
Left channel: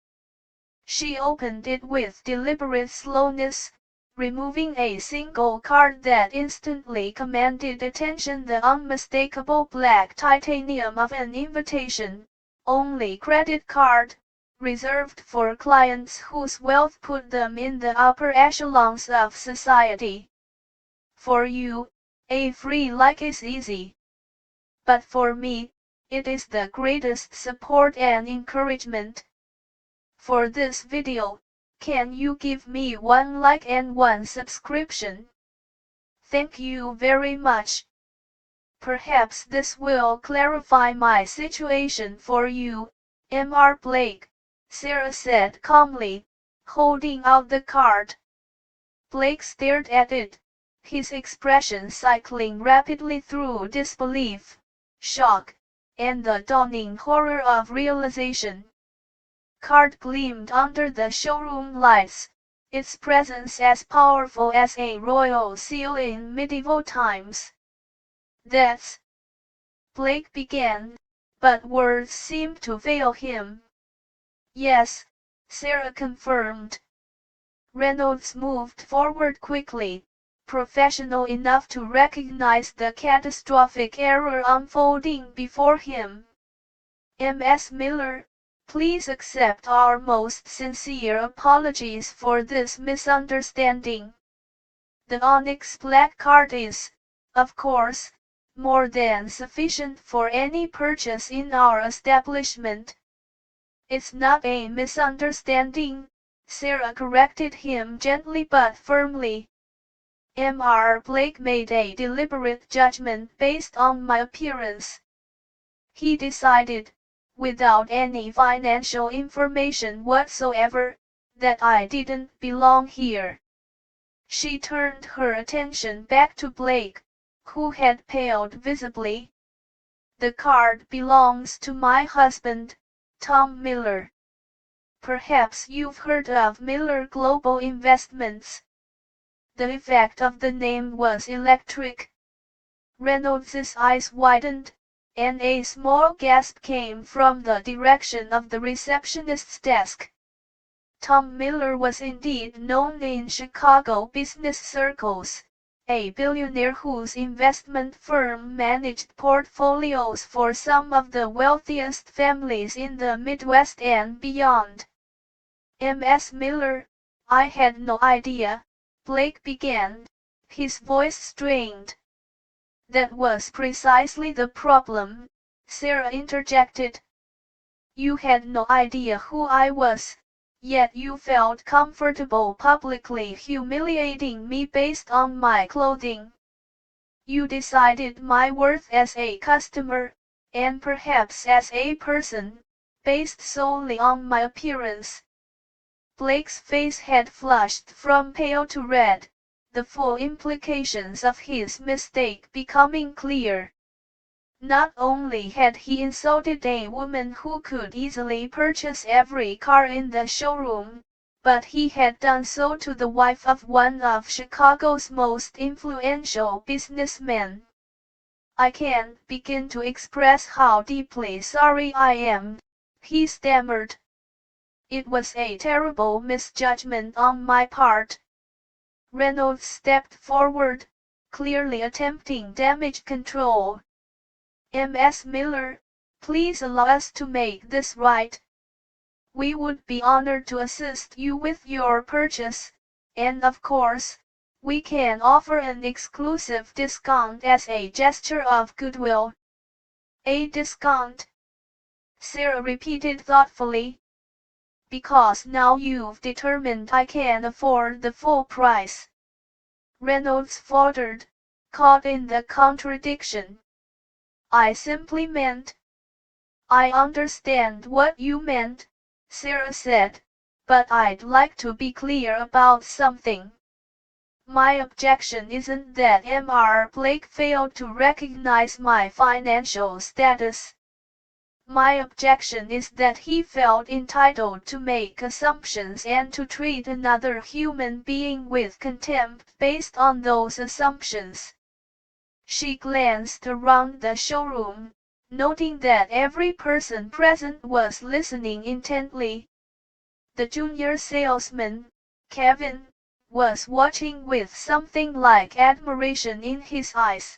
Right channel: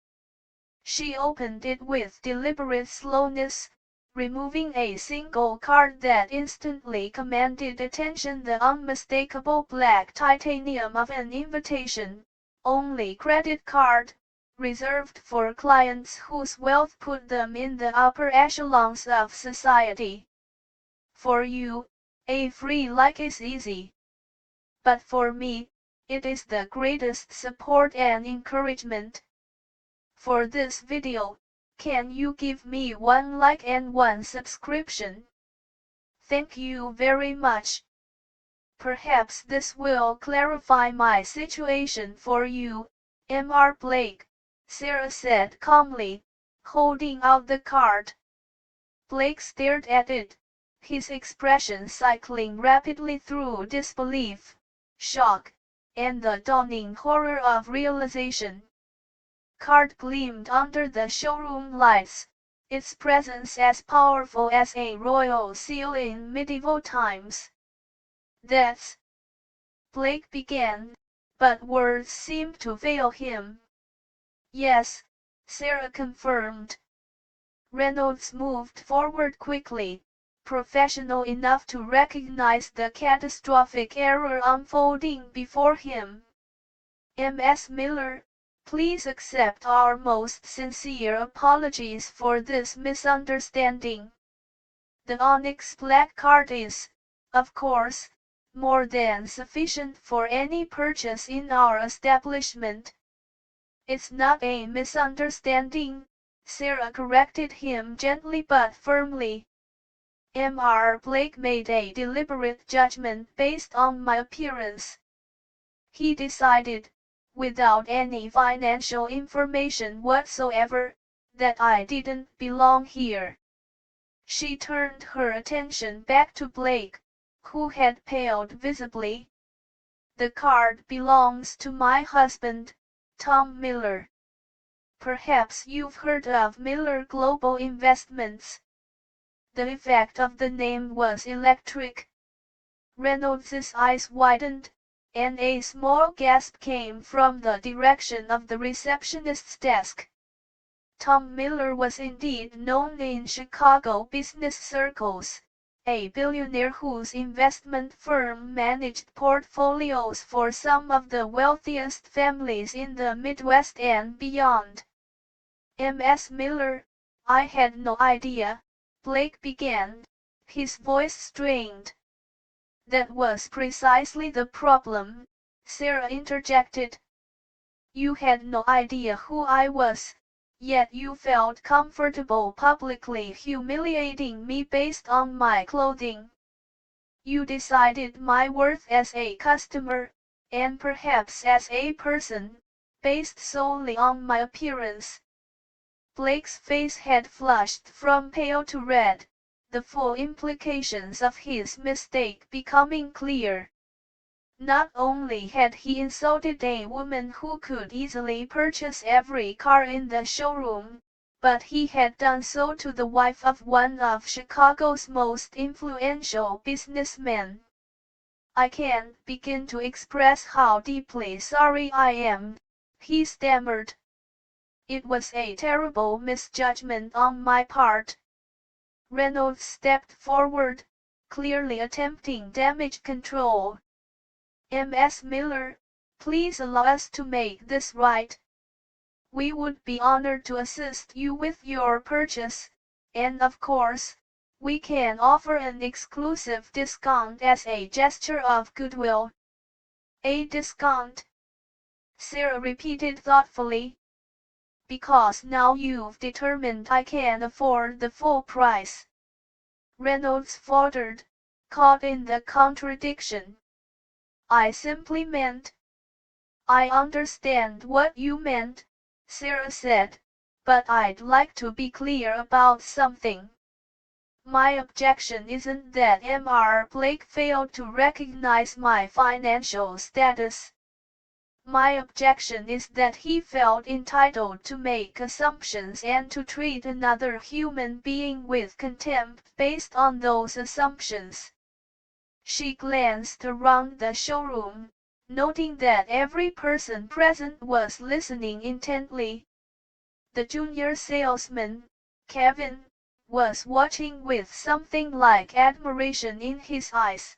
She opened it with deliberate slowness, removing a single card that instantly commanded attention, the unmistakable black titanium of an invitation, only credit card, reserved for clients whose wealth put them in the upper echelons of society. For you, a free like is easy. But for me, it is the greatest support and encouragement. For this video, can you give me 1 like and 1 subscription? Thank you very much. Perhaps this will clarify my situation for you, Mr. Blake, Sarah said calmly, holding out the card. Blake stared at it, his expression cycling rapidly through disbelief, shock, and the dawning horror of realization. Card gleamed under the showroom lights, its presence as powerful as a royal seal in medieval times. That's... Blake began, but words seemed to fail him. Yes, Sarah confirmed. Reynolds moved forward quickly, professional enough to recognize the catastrophic error unfolding before him. Ms. Miller, please accept our most sincere apologies for this misunderstanding. The onyx black card is, of course, more than sufficient for any purchase in our establishment. It's not a misunderstanding, Sarah corrected him gently but firmly. Mr. Blake made a deliberate judgment based on my appearance. He decided, without any financial information whatsoever, that I didn't belong here. She turned her attention back to Blake, who had paled visibly. The card belongs to my husband, Tom Miller. Perhaps you've heard of Miller Global Investments. The effect of the name was electric. Reynolds's eyes widened, and a small gasp came from the direction of the receptionist's desk. Tom Miller was indeed known in Chicago business circles, a billionaire whose investment firm managed portfolios for some of the wealthiest families in the Midwest and beyond. Ms. Miller, I had no idea, Blake began, his voice strained. That was precisely the problem, Sarah interjected. You had no idea who I was, yet you felt comfortable publicly humiliating me based on my clothing. You decided my worth as a customer, and perhaps as a person, based solely on my appearance. Blake's face had flushed from pale to red, the full implications of his mistake becoming clear. Not only had he insulted a woman who could easily purchase every car in the showroom, but he had done so to the wife of one of Chicago's most influential businessmen. "I can't begin to express how deeply sorry I am," he stammered. "It was a terrible misjudgment on my part." Reynolds stepped forward, clearly attempting damage control. "Ms. Miller, please allow us to make this right. We would be honored to assist you with your purchase, and of course, we can offer an exclusive discount as a gesture of goodwill." "A discount?" Sarah repeated thoughtfully. "Because now you've determined I can afford the full price." Reynolds faltered, caught in the contradiction. "I simply meant—" "I understand what you meant," Sarah said, "but I'd like to be clear about something. My objection isn't that Mr. Blake failed to recognize my financial status. My objection is that he felt entitled to make assumptions and to treat another human being with contempt based on those assumptions." She glanced around the showroom, noting that every person present was listening intently. The junior salesman, Kevin, was watching with something like admiration in his eyes.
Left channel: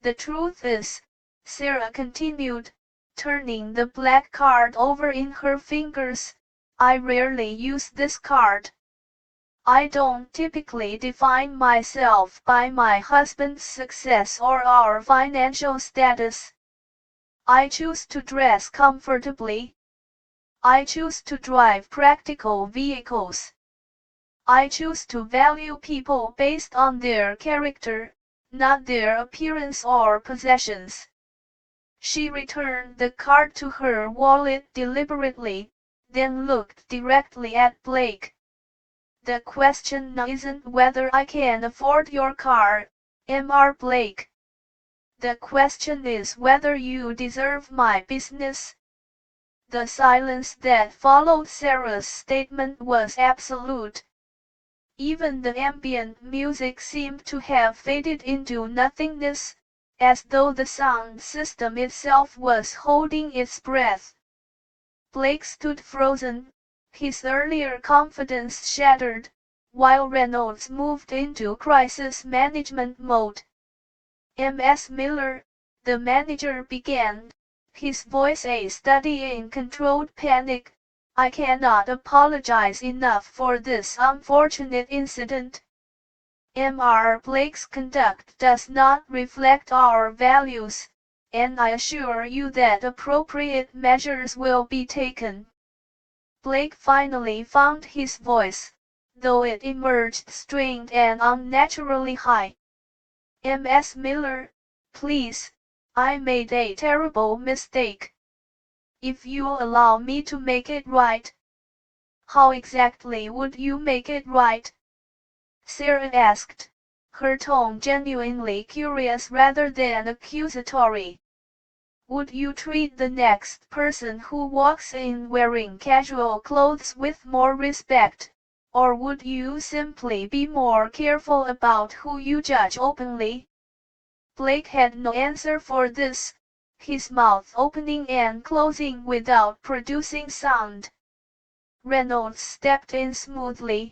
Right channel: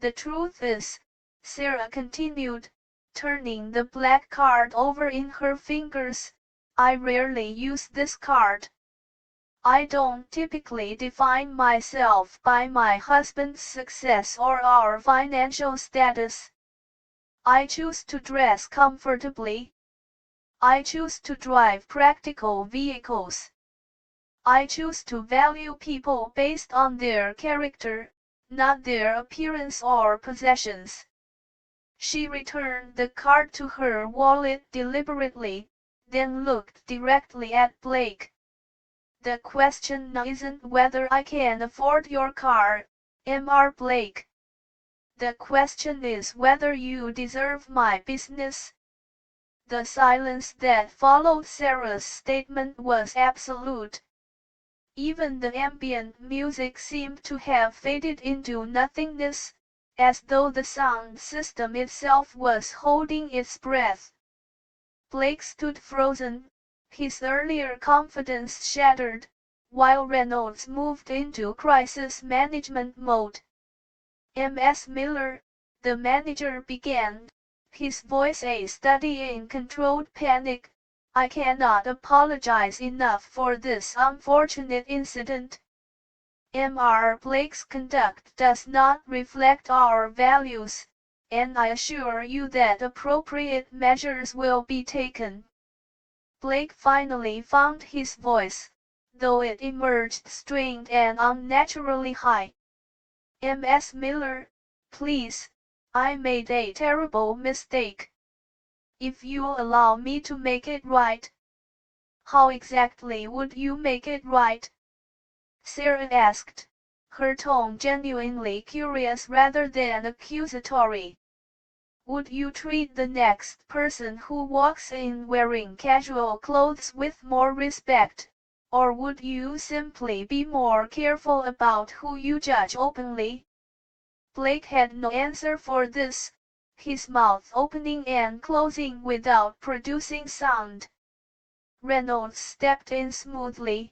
"The truth is," Sarah continued, turning the black card over in her fingers, "I rarely use this card. I don't typically define myself by my husband's success or our financial status. I choose to dress comfortably. I choose to drive practical vehicles. I choose to value people based on their character, not their appearance or possessions." She returned the card to her wallet deliberately, then looked directly at Blake. "The question now isn't whether I can afford your car, Mr. Blake. The question is whether you deserve my business." The silence that followed Sarah's statement was absolute. Even the ambient music seemed to have faded into nothingness, as though the sound system itself was holding its breath. Blake stood frozen, his earlier confidence shattered, while Reynolds moved into crisis management mode. "Ms. Miller," the manager began, his voice a study in controlled panic, "I cannot apologize enough for this unfortunate incident. Mr. Blake's conduct does not reflect our values, and I assure you that appropriate measures will be taken." Blake finally found his voice, though it emerged strained and unnaturally high. "Ms. Miller, please, I made a terrible mistake. If you'll allow me to make it right." "How exactly would you make it right?" Sarah asked, her tone genuinely curious rather than accusatory. "Would you treat the next person who walks in wearing casual clothes with more respect, or would you simply be more careful about who you judge openly?" Blake had no answer for this, his mouth opening and closing without producing sound. Reynolds stepped in smoothly.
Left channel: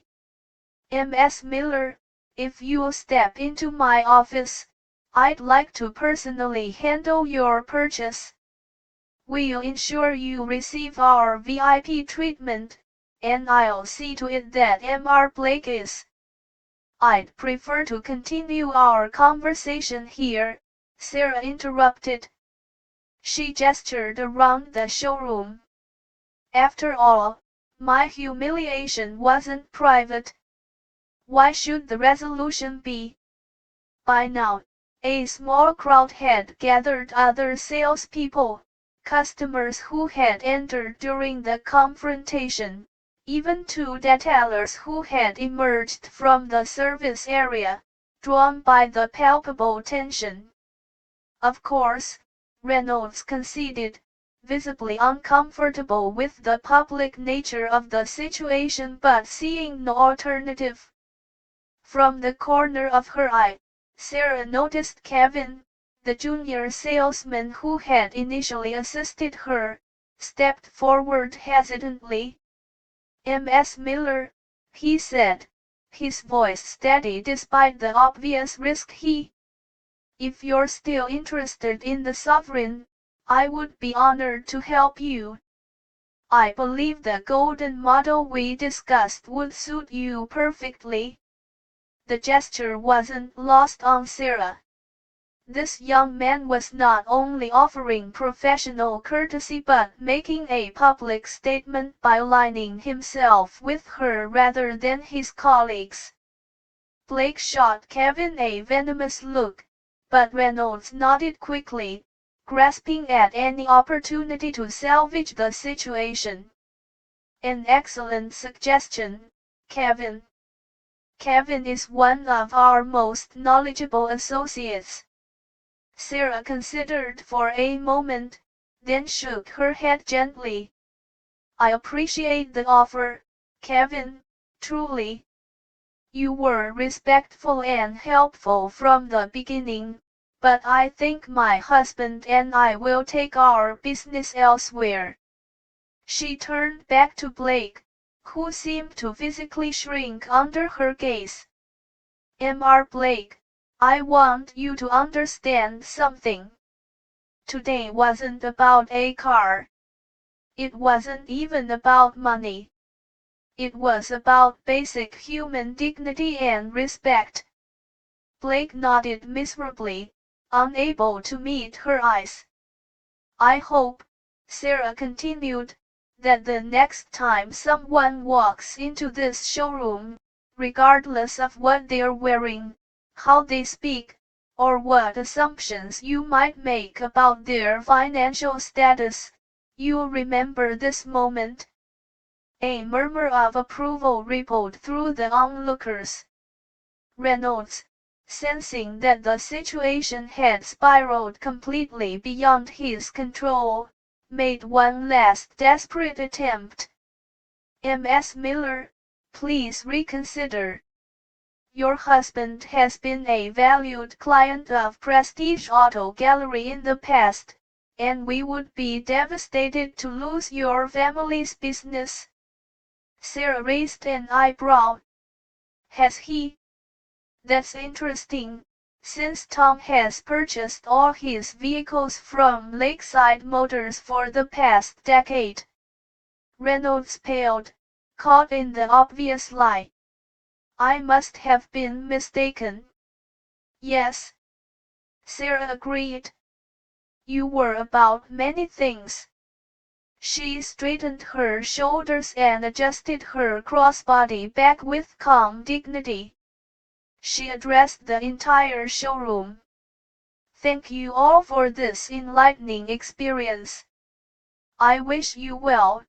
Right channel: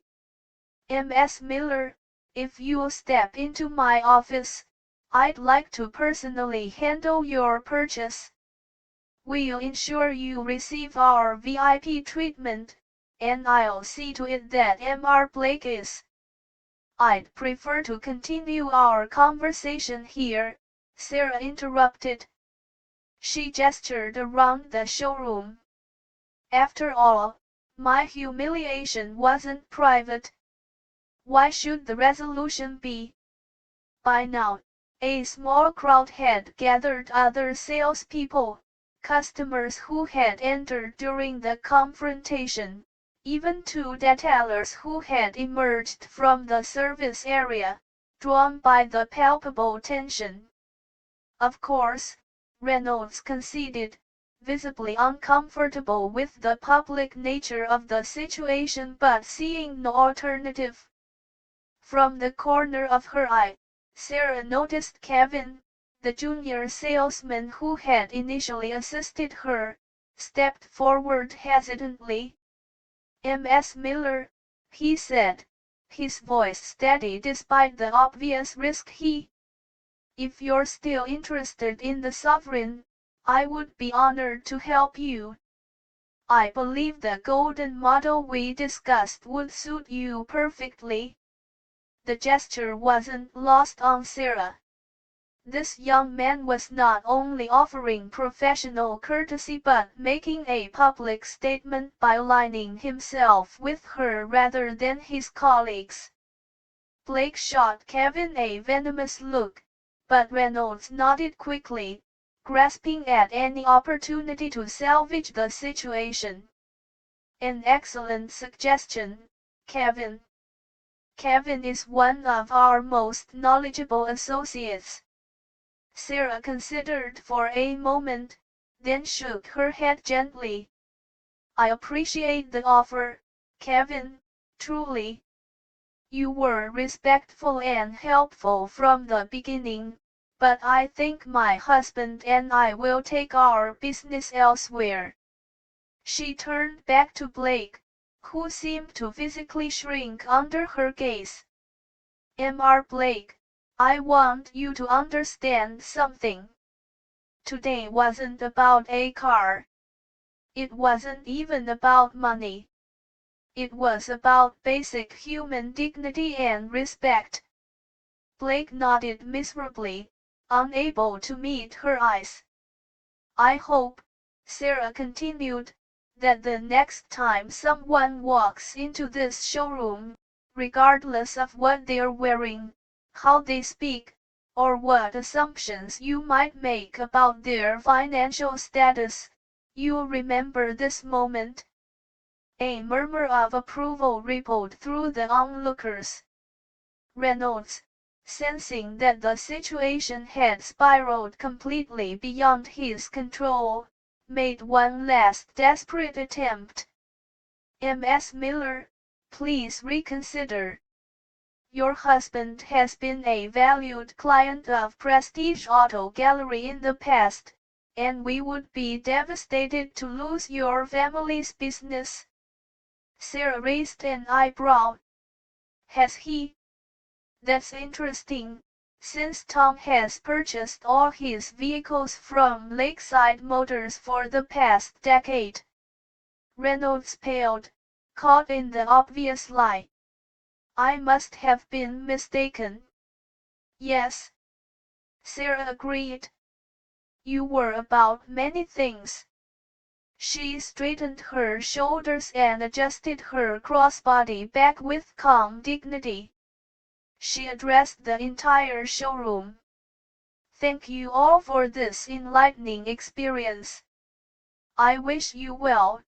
"Ms. Miller, if you'll step into my office, I'd like to personally handle your purchase. We'll ensure you receive our VIP treatment, and I'll see to it that Mr. Blake is—" "I'd prefer to continue our conversation here," Sarah interrupted. She gestured around the showroom. "After all, my humiliation wasn't private. Why should the resolution be?" By now, A small crowd had gathered, other salespeople, customers who had entered during the confrontation, even two detailers who had emerged from the service area, drawn by the palpable tension. Of course, Reynolds conceded, visibly uncomfortable with the public nature of the situation but seeing no alternative. From the corner of her eye, Sarah noticed Kevin, the junior salesman who had initially assisted her, stepped forward hesitantly. "Ms. Miller," he said, his voice steady despite the obvious risk. "If you're still interested in the sovereign, I would be honored to help you. I believe the golden model we discussed would suit you perfectly." The gesture wasn't lost on Sarah. This young man was not only offering professional courtesy but making a public statement by aligning himself with her rather than his colleagues. Blake shot Kevin a venomous look, but Reynolds nodded quickly, grasping at any opportunity to salvage the situation. "An excellent suggestion, Kevin. Kevin is one of our most knowledgeable associates." Sarah considered for a moment, then shook her head gently. "I appreciate the offer, Kevin, truly. You were respectful and helpful from the beginning, but I think my husband and I will take our business elsewhere." She turned back to Blake, who seemed to physically shrink under her gaze. "Mr. Blake, I want you to understand something. Today wasn't about a car. It wasn't even about money. It was about basic human dignity and respect." Blake nodded miserably, unable to meet her eyes. "I hope," Sarah continued, "that the next time someone walks into this showroom, regardless of what they're wearing, how they speak, or what assumptions you might make about their financial status, you'll remember this moment." A murmur of approval rippled through the onlookers. Reynolds, sensing that the situation had spiraled completely beyond his control, made one last desperate attempt. "Ms. Miller, please reconsider. Your husband has been a valued client of Prestige Auto Gallery in the past, and we would be devastated to lose your family's business." Sarah raised an eyebrow. "Has he? That's interesting, since Tom has purchased all his vehicles from Lakeside Motors for the past decade." Reynolds paled, caught in the obvious lie. "I must have been mistaken." "Yes," Sarah agreed. "You were about many things." She straightened her shoulders and adjusted her crossbody back with calm dignity. She addressed the entire showroom. "Thank you all for this enlightening experience. I wish you well."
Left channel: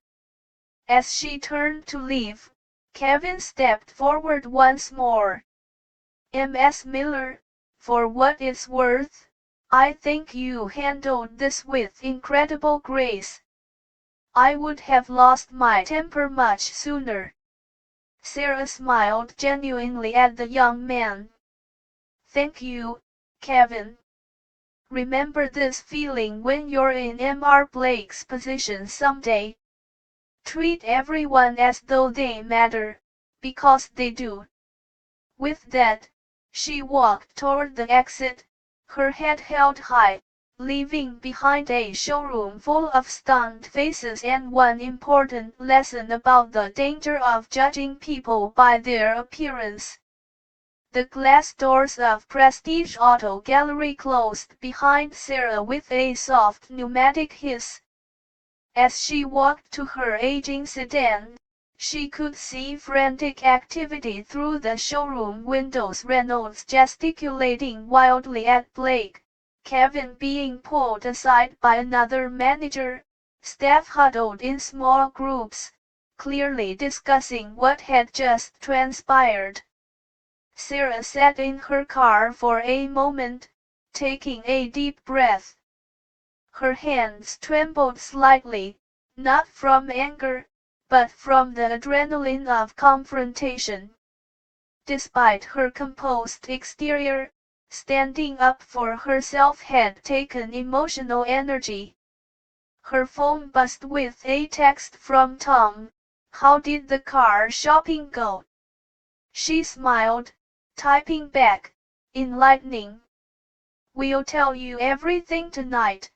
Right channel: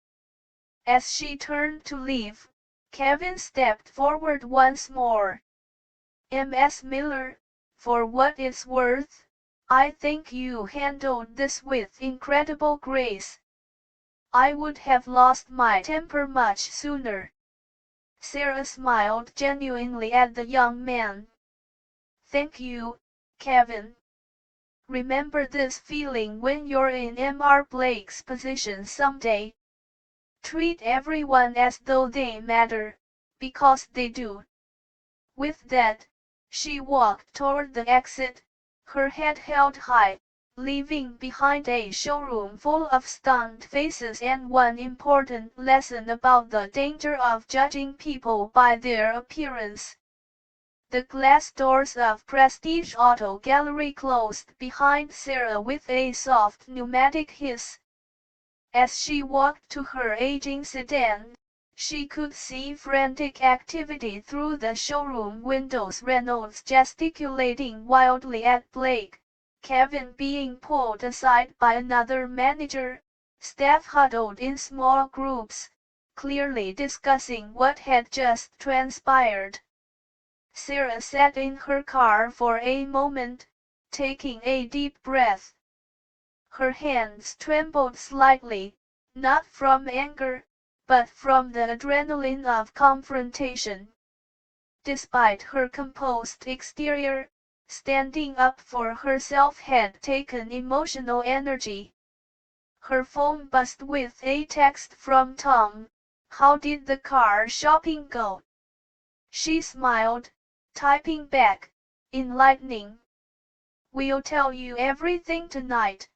As she turned to leave, Kevin stepped forward once more. "Ms. Miller, for what it's worth, I think you handled this with incredible grace. I would have lost my temper much sooner." Sarah smiled genuinely at the young man. "Thank you, Kevin. Remember this feeling when you're in Mr. Blake's position someday. Treat everyone as though they matter, because they do." With that, she walked toward the exit, her head held high, leaving behind a showroom full of stunned faces and one important lesson about the danger of judging people by their appearance. The glass doors of Prestige Auto Gallery closed behind Sarah with a soft pneumatic hiss. As she walked to her aging sedan, She could see frantic activity through the showroom windows, Reynolds gesticulating wildly at Blake, Kevin being pulled aside by another manager, staff huddled in small groups, clearly discussing what had just transpired. Sarah sat in her car for a moment, taking a deep breath. Her hands trembled slightly, not from anger, but from the adrenaline of confrontation. Despite her composed exterior, standing up for herself had taken emotional energy. Her phone buzzed with a text from Tom. "How did the car shopping go?" She smiled, typing back, "Enlightening. We'll tell you everything tonight."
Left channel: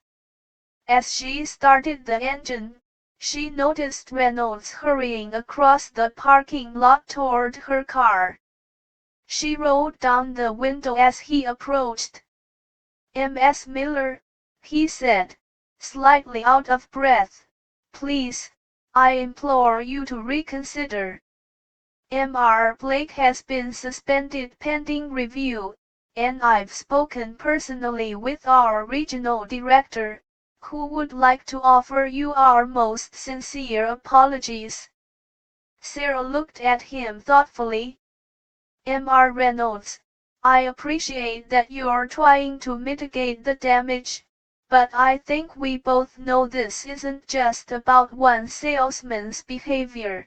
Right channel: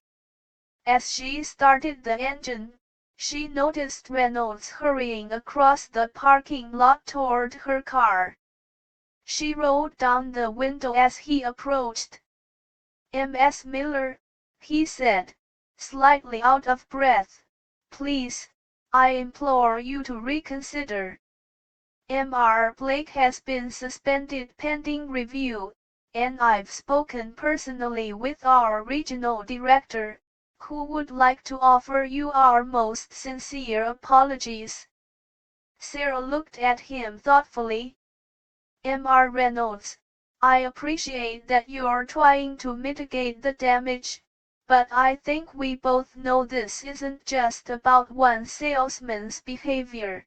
As she started the engine, she noticed Reynolds hurrying across the parking lot toward her car. She rolled down the window as he approached. "Ms. Miller," he said, slightly out of breath, "please, I implore you to reconsider. Mr. Blake has been suspended pending review, and I've spoken personally with our regional director, who would like to offer you our most sincere apologies." Sarah looked at him thoughtfully. "Mr. Reynolds, I appreciate that you're trying to mitigate the damage, but I think we both know this isn't just about one salesman's behavior.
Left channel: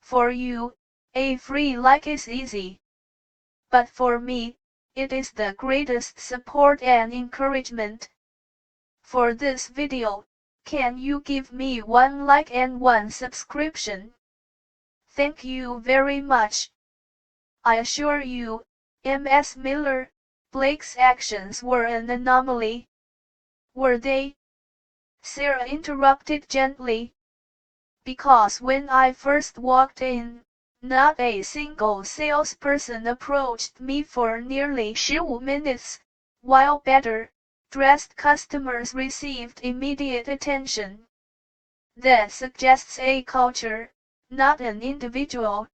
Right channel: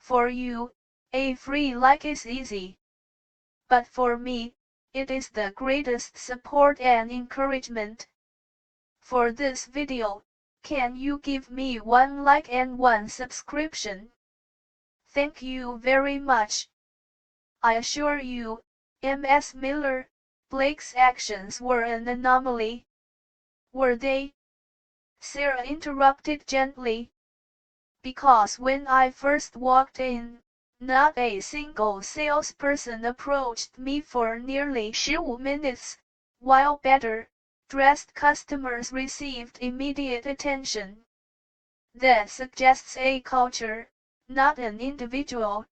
For you, a free like is easy. But for me, it is the greatest support and encouragement. For this video, can you give me one like and one subscription? Thank you very much." "I assure you, Ms. Miller, Blake's actions were an anomaly." "Were they?" Sarah interrupted gently. "Because when I first walked in, not a single salesperson approached me for nearly 15 minutes, while better dressed customers received immediate attention. That suggests a culture, not an individual."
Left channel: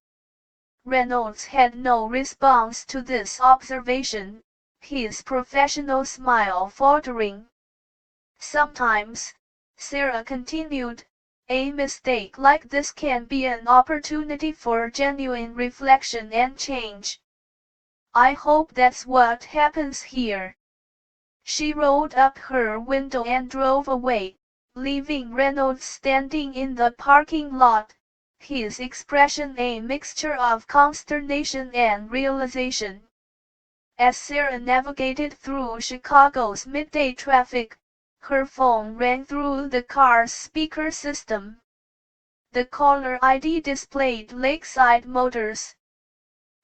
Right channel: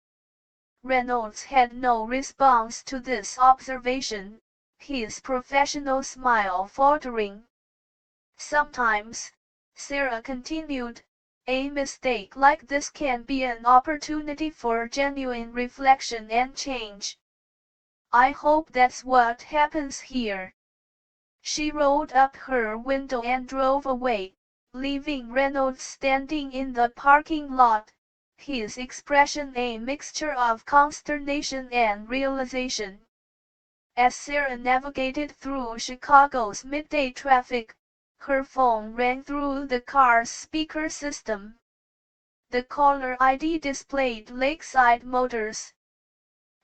Reynolds had no response to this observation, his professional smile faltering. "Sometimes," Sarah continued, "a mistake like this can be an opportunity for genuine reflection and change. I hope that's what happens here." She rolled up her window and drove away, leaving Reynolds standing in the parking lot, his expression a mixture of consternation and realization. As Sarah navigated through Chicago's midday traffic, her phone rang through the car's speaker system. The caller ID displayed Lakeside Motors.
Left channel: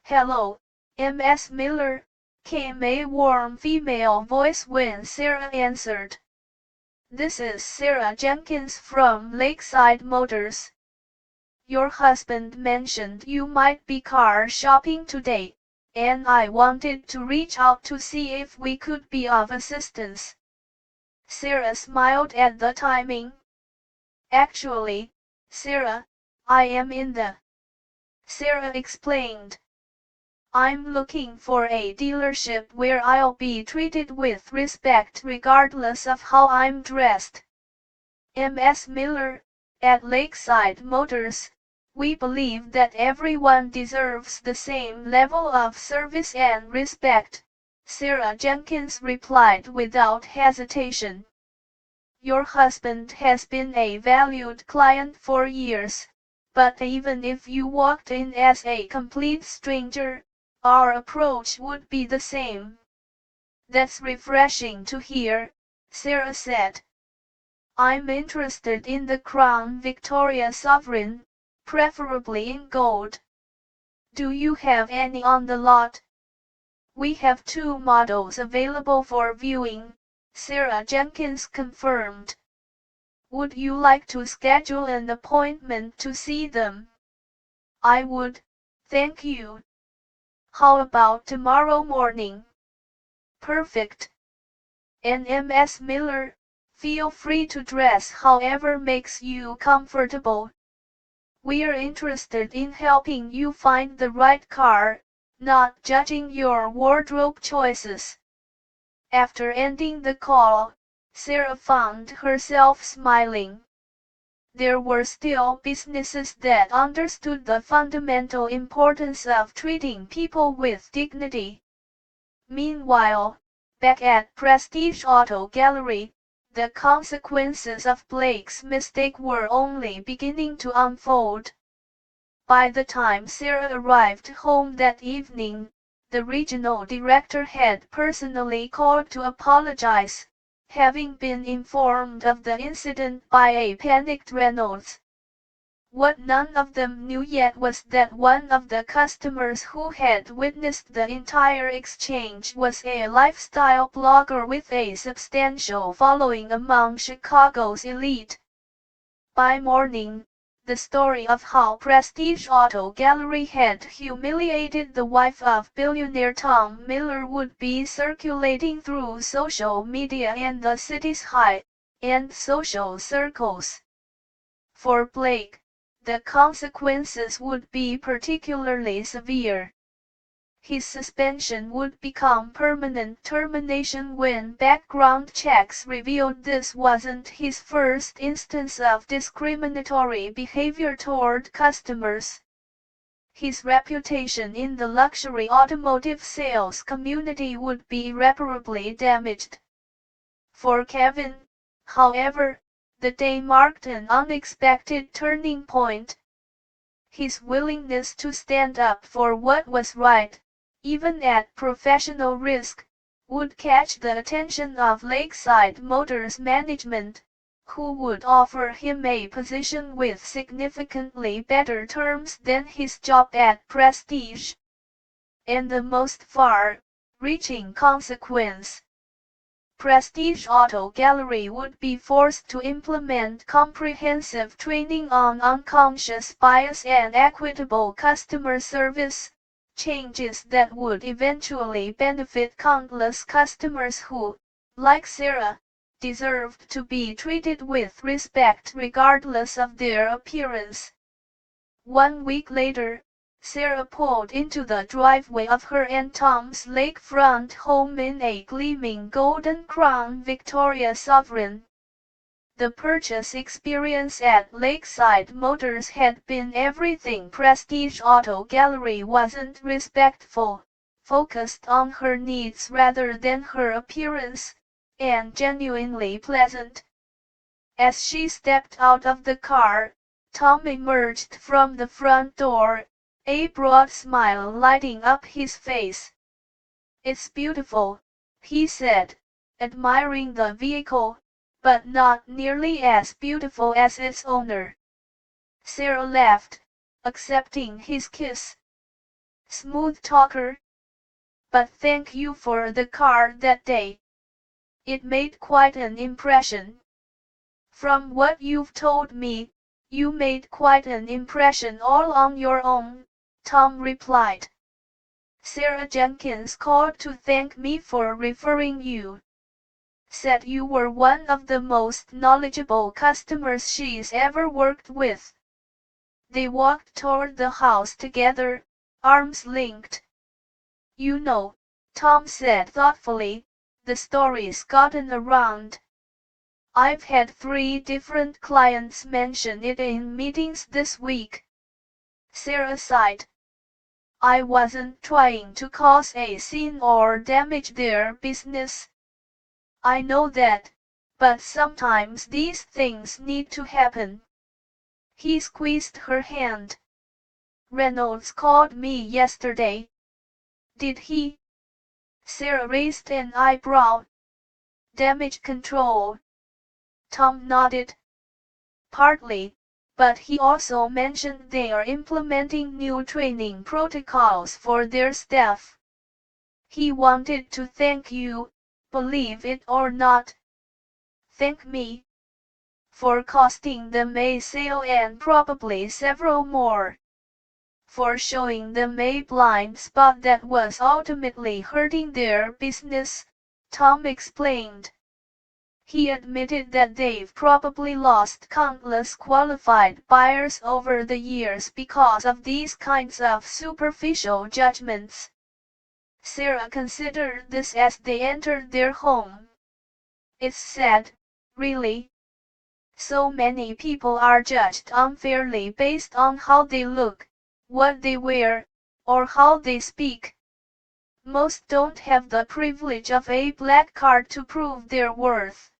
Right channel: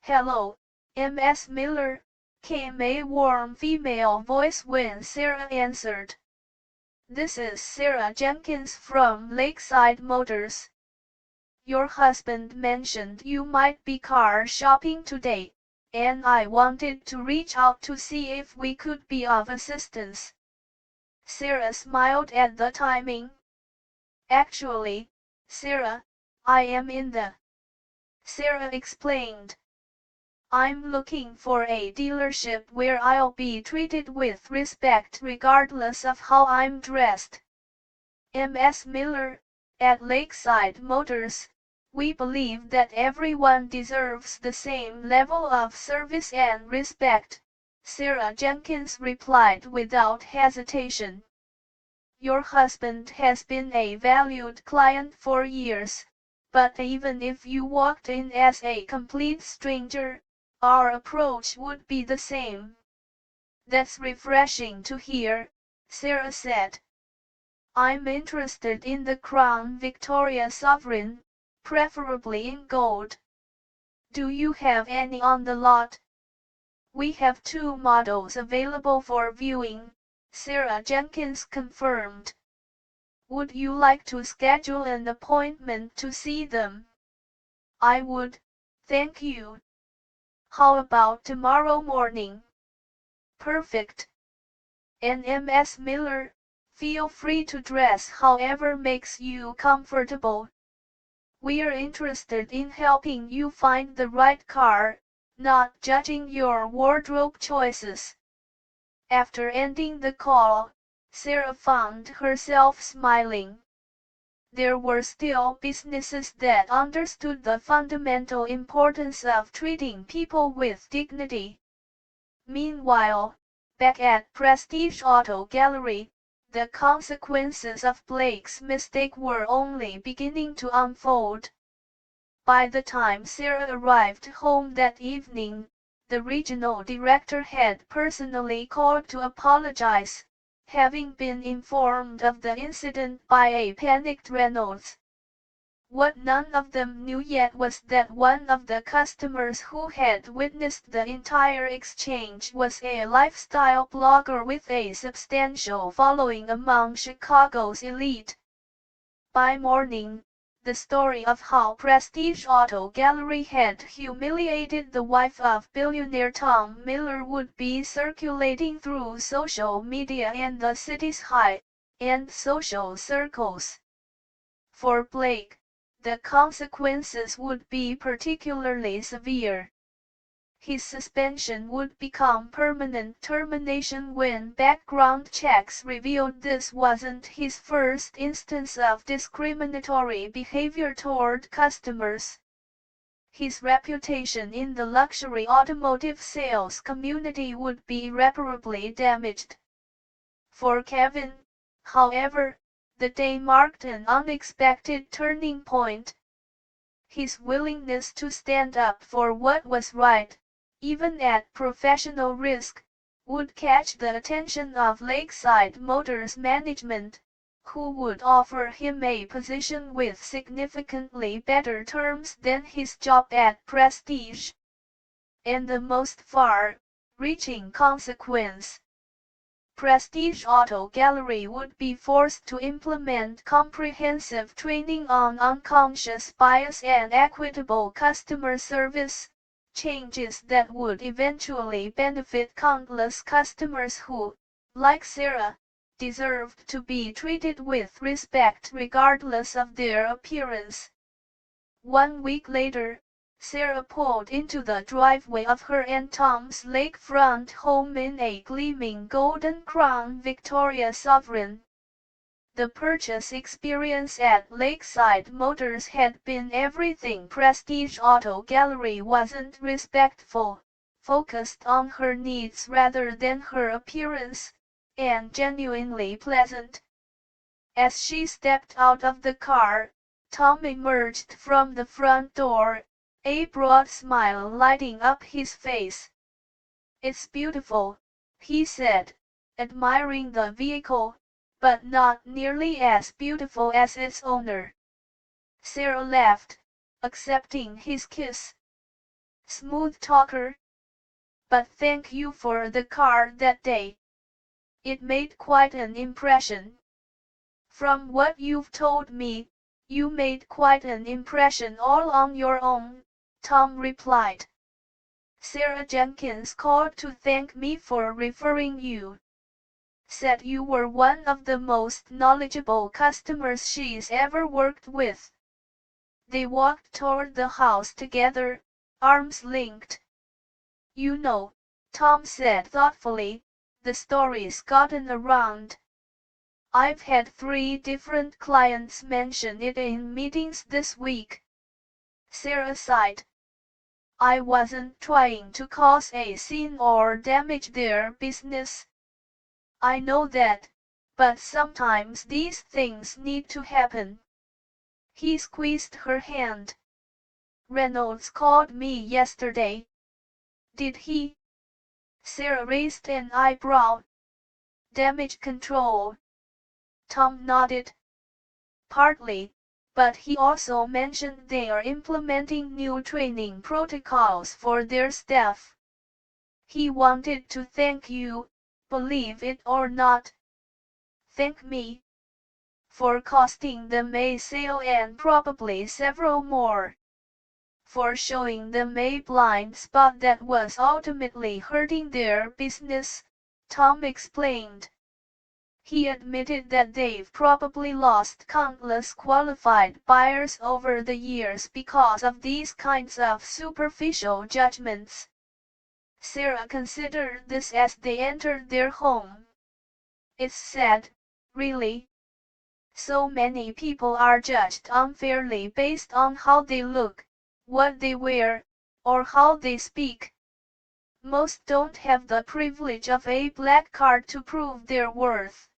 "Hello, Ms. Miller," came a warm female voice when Sarah answered. "This is Sarah Jenkins from Lakeside Motors. Your husband mentioned you might be car shopping today, and I wanted to reach out to see if we could be of assistance." Sarah smiled at the timing. "Actually, Sarah, I am in the..." Sarah explained. "I'm looking for a dealership where I'll be treated with respect regardless of how I'm dressed. Ms. Miller, at Lakeside Motors, we believe that everyone deserves the same level of service and respect," Sarah Jenkins replied without hesitation. "Your husband has been a valued client for years, but even if you walked in as a complete stranger, our approach would be the same." "That's refreshing to hear," Sarah said. "I'm interested in the Crown Victoria Sovereign, preferably in gold. Do you have any on the lot?" "We have 2 models available for viewing," Sarah Jenkins confirmed. "Would you like to schedule an appointment to see them?" "I would, thank you." "How about tomorrow morning?" "Perfect. And Ms. Miller, feel free to dress however makes you comfortable." We're interested in helping you find the right car, not judging your wardrobe choices." After ending the call, Sarah found herself smiling. There were still businesses that understood the fundamental importance of treating people with dignity. Meanwhile, back at Prestige Auto Gallery, the consequences of Blake's mistake were only beginning to unfold. By the time Sarah arrived home that evening, the regional director had personally called to apologize, having been informed of the incident by a panicked Reynolds. What none of them knew yet was that one of the customers who had witnessed the entire exchange was a lifestyle blogger with a substantial following among Chicago's elite. By morning, the story of how Prestige Auto Gallery had humiliated the wife of billionaire Tom Miller would be circulating through social media and the city's high-end social circles. For Blake, the consequences would be particularly severe. His suspension would become permanent termination when background checks revealed this wasn't his first instance of discriminatory behavior toward customers. His reputation in the luxury automotive sales community would be irreparably damaged. For Kevin, however, the day marked an unexpected turning point. His willingness to stand up for what was right, even at professional risk, would catch the attention of Lakeside Motors management, who would offer him a position with significantly better terms than his job at Prestige. And the most far-reaching consequence: Prestige Auto Gallery would be forced to implement comprehensive training on unconscious bias and equitable customer service, changes that would eventually benefit countless customers who, like Sarah, deserved to be treated with respect regardless of their appearance. 1 week later, Sarah pulled into the driveway of her and Tom's lakefront home in a gleaming golden crown Victoria Sovereign. The purchase experience at Lakeside Motors had been everything Prestige Auto Gallery wasn't. Respectful, focused on her needs rather than her appearance, and genuinely pleasant. As she stepped out of the car, Tom emerged from the front door, a broad smile lighting up his face. "It's beautiful," he said, admiring the vehicle, "but not nearly as beautiful as its owner." Sarah laughed, accepting his kiss. "Smooth talker. But thank you for the car that day. It made quite an impression." "From what you've told me, you made quite an impression all on your own," Tom replied. "Sarah Jenkins called to thank me for referring you. Said you were one of the most knowledgeable customers she's ever worked with." They walked toward the house together, arms linked. "You know," Tom said thoughtfully, "the story's gotten around. I've had 3 different clients mention it in meetings this week." Sarah sighed. "I wasn't trying to cause a scene or damage their business. I know that, but sometimes these things need to happen." He squeezed her hand. "Reynolds called me yesterday." "Did he?" Sarah raised an eyebrow. "Damage control." Tom nodded. "Partly, but he also mentioned they are implementing new training protocols for their staff. He wanted to thank you, believe it or not." "Thank me?" "For costing them a sale and probably several more. For showing them a blind spot that was ultimately hurting their business," Tom explained. He admitted that they've probably lost countless qualified buyers over the years because of these kinds of superficial judgments. Sarah considered this as they entered their home. It's sad, really. So many people are judged unfairly based on how they look, what they wear, or how they speak. Most don't have the privilege of a black card to prove their worth.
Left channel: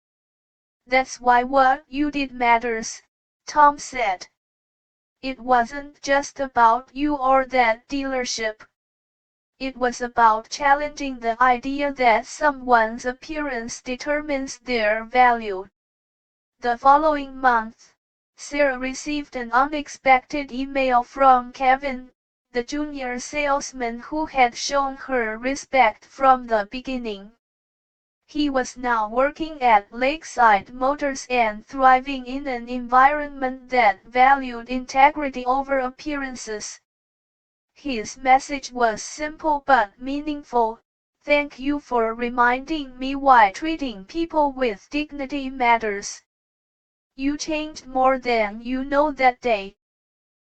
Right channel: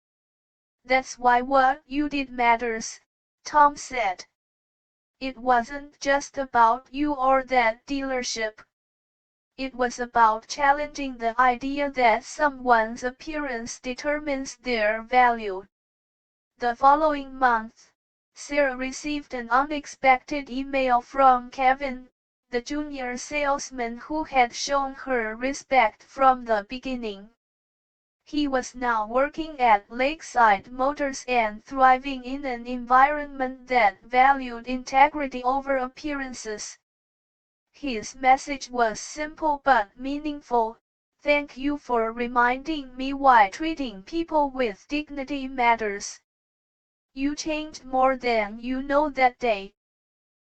That's why what you did matters, Tom said. It wasn't just about you or that dealership. It was about challenging the idea that someone's appearance determines their value. The following month, Sarah received an unexpected email from Kevin, the junior salesman who had shown her respect from the beginning. He was now working at Lakeside Motors and thriving in an environment that valued integrity over appearances. His message was simple but meaningful. Thank you for reminding me why treating people with dignity matters. You changed more than you know that day.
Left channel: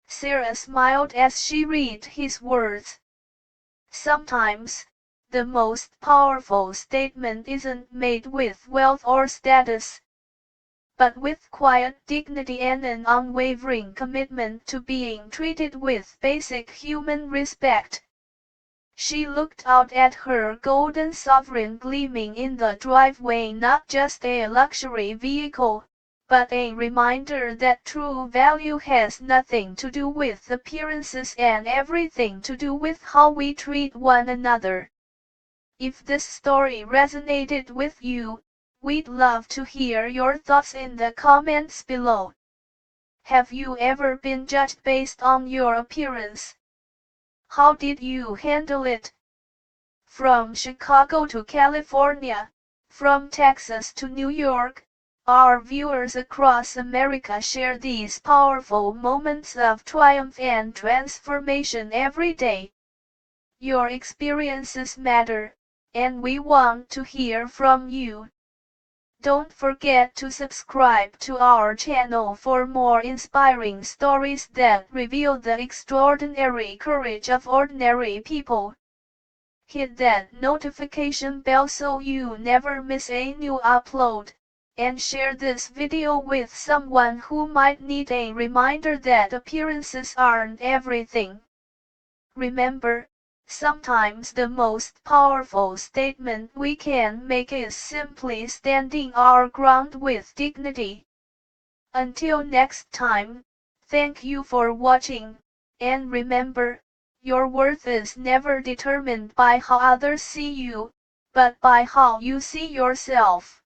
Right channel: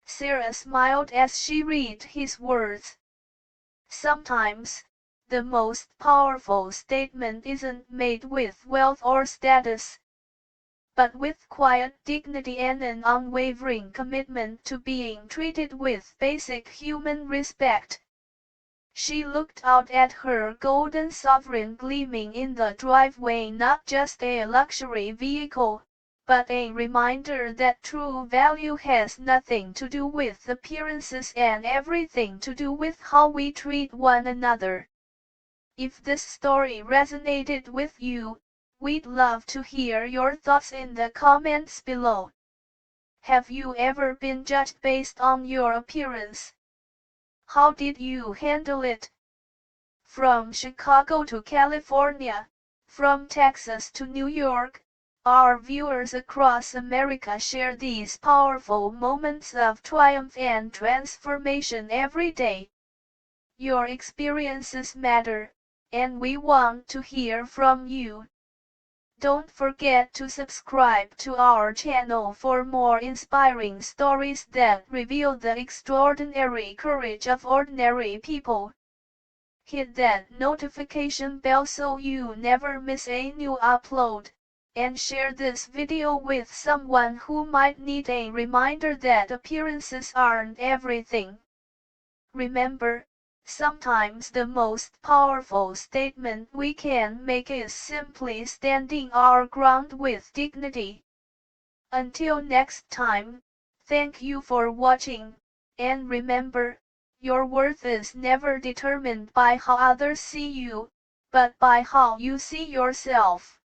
Sarah smiled as she read his words. Sometimes, the most powerful statement isn't made with wealth or status, but with quiet dignity and an unwavering commitment to being treated with basic human respect. She looked out at her golden sovereign gleaming in the driveway, not just a luxury vehicle, but a reminder that true value has nothing to do with appearances and everything to do with how we treat one another. If this story resonated with you, we'd love to hear your thoughts in the comments below. Have you ever been judged based on your appearance? How did you handle it? From Chicago to California, from Texas to New York, our viewers across America share these powerful moments of triumph and transformation every day. Your experiences matter, and we want to hear from you. Don't forget to subscribe to our channel for more inspiring stories that reveal the extraordinary courage of ordinary people. Hit that notification bell so you never miss a new upload, and share this video with someone who might need a reminder that appearances aren't everything. Remember, sometimes the most powerful statement we can make is simply standing our ground with dignity. Until next time, thank you for watching, and remember, your worth is never determined by how others see you, but by how you see yourself.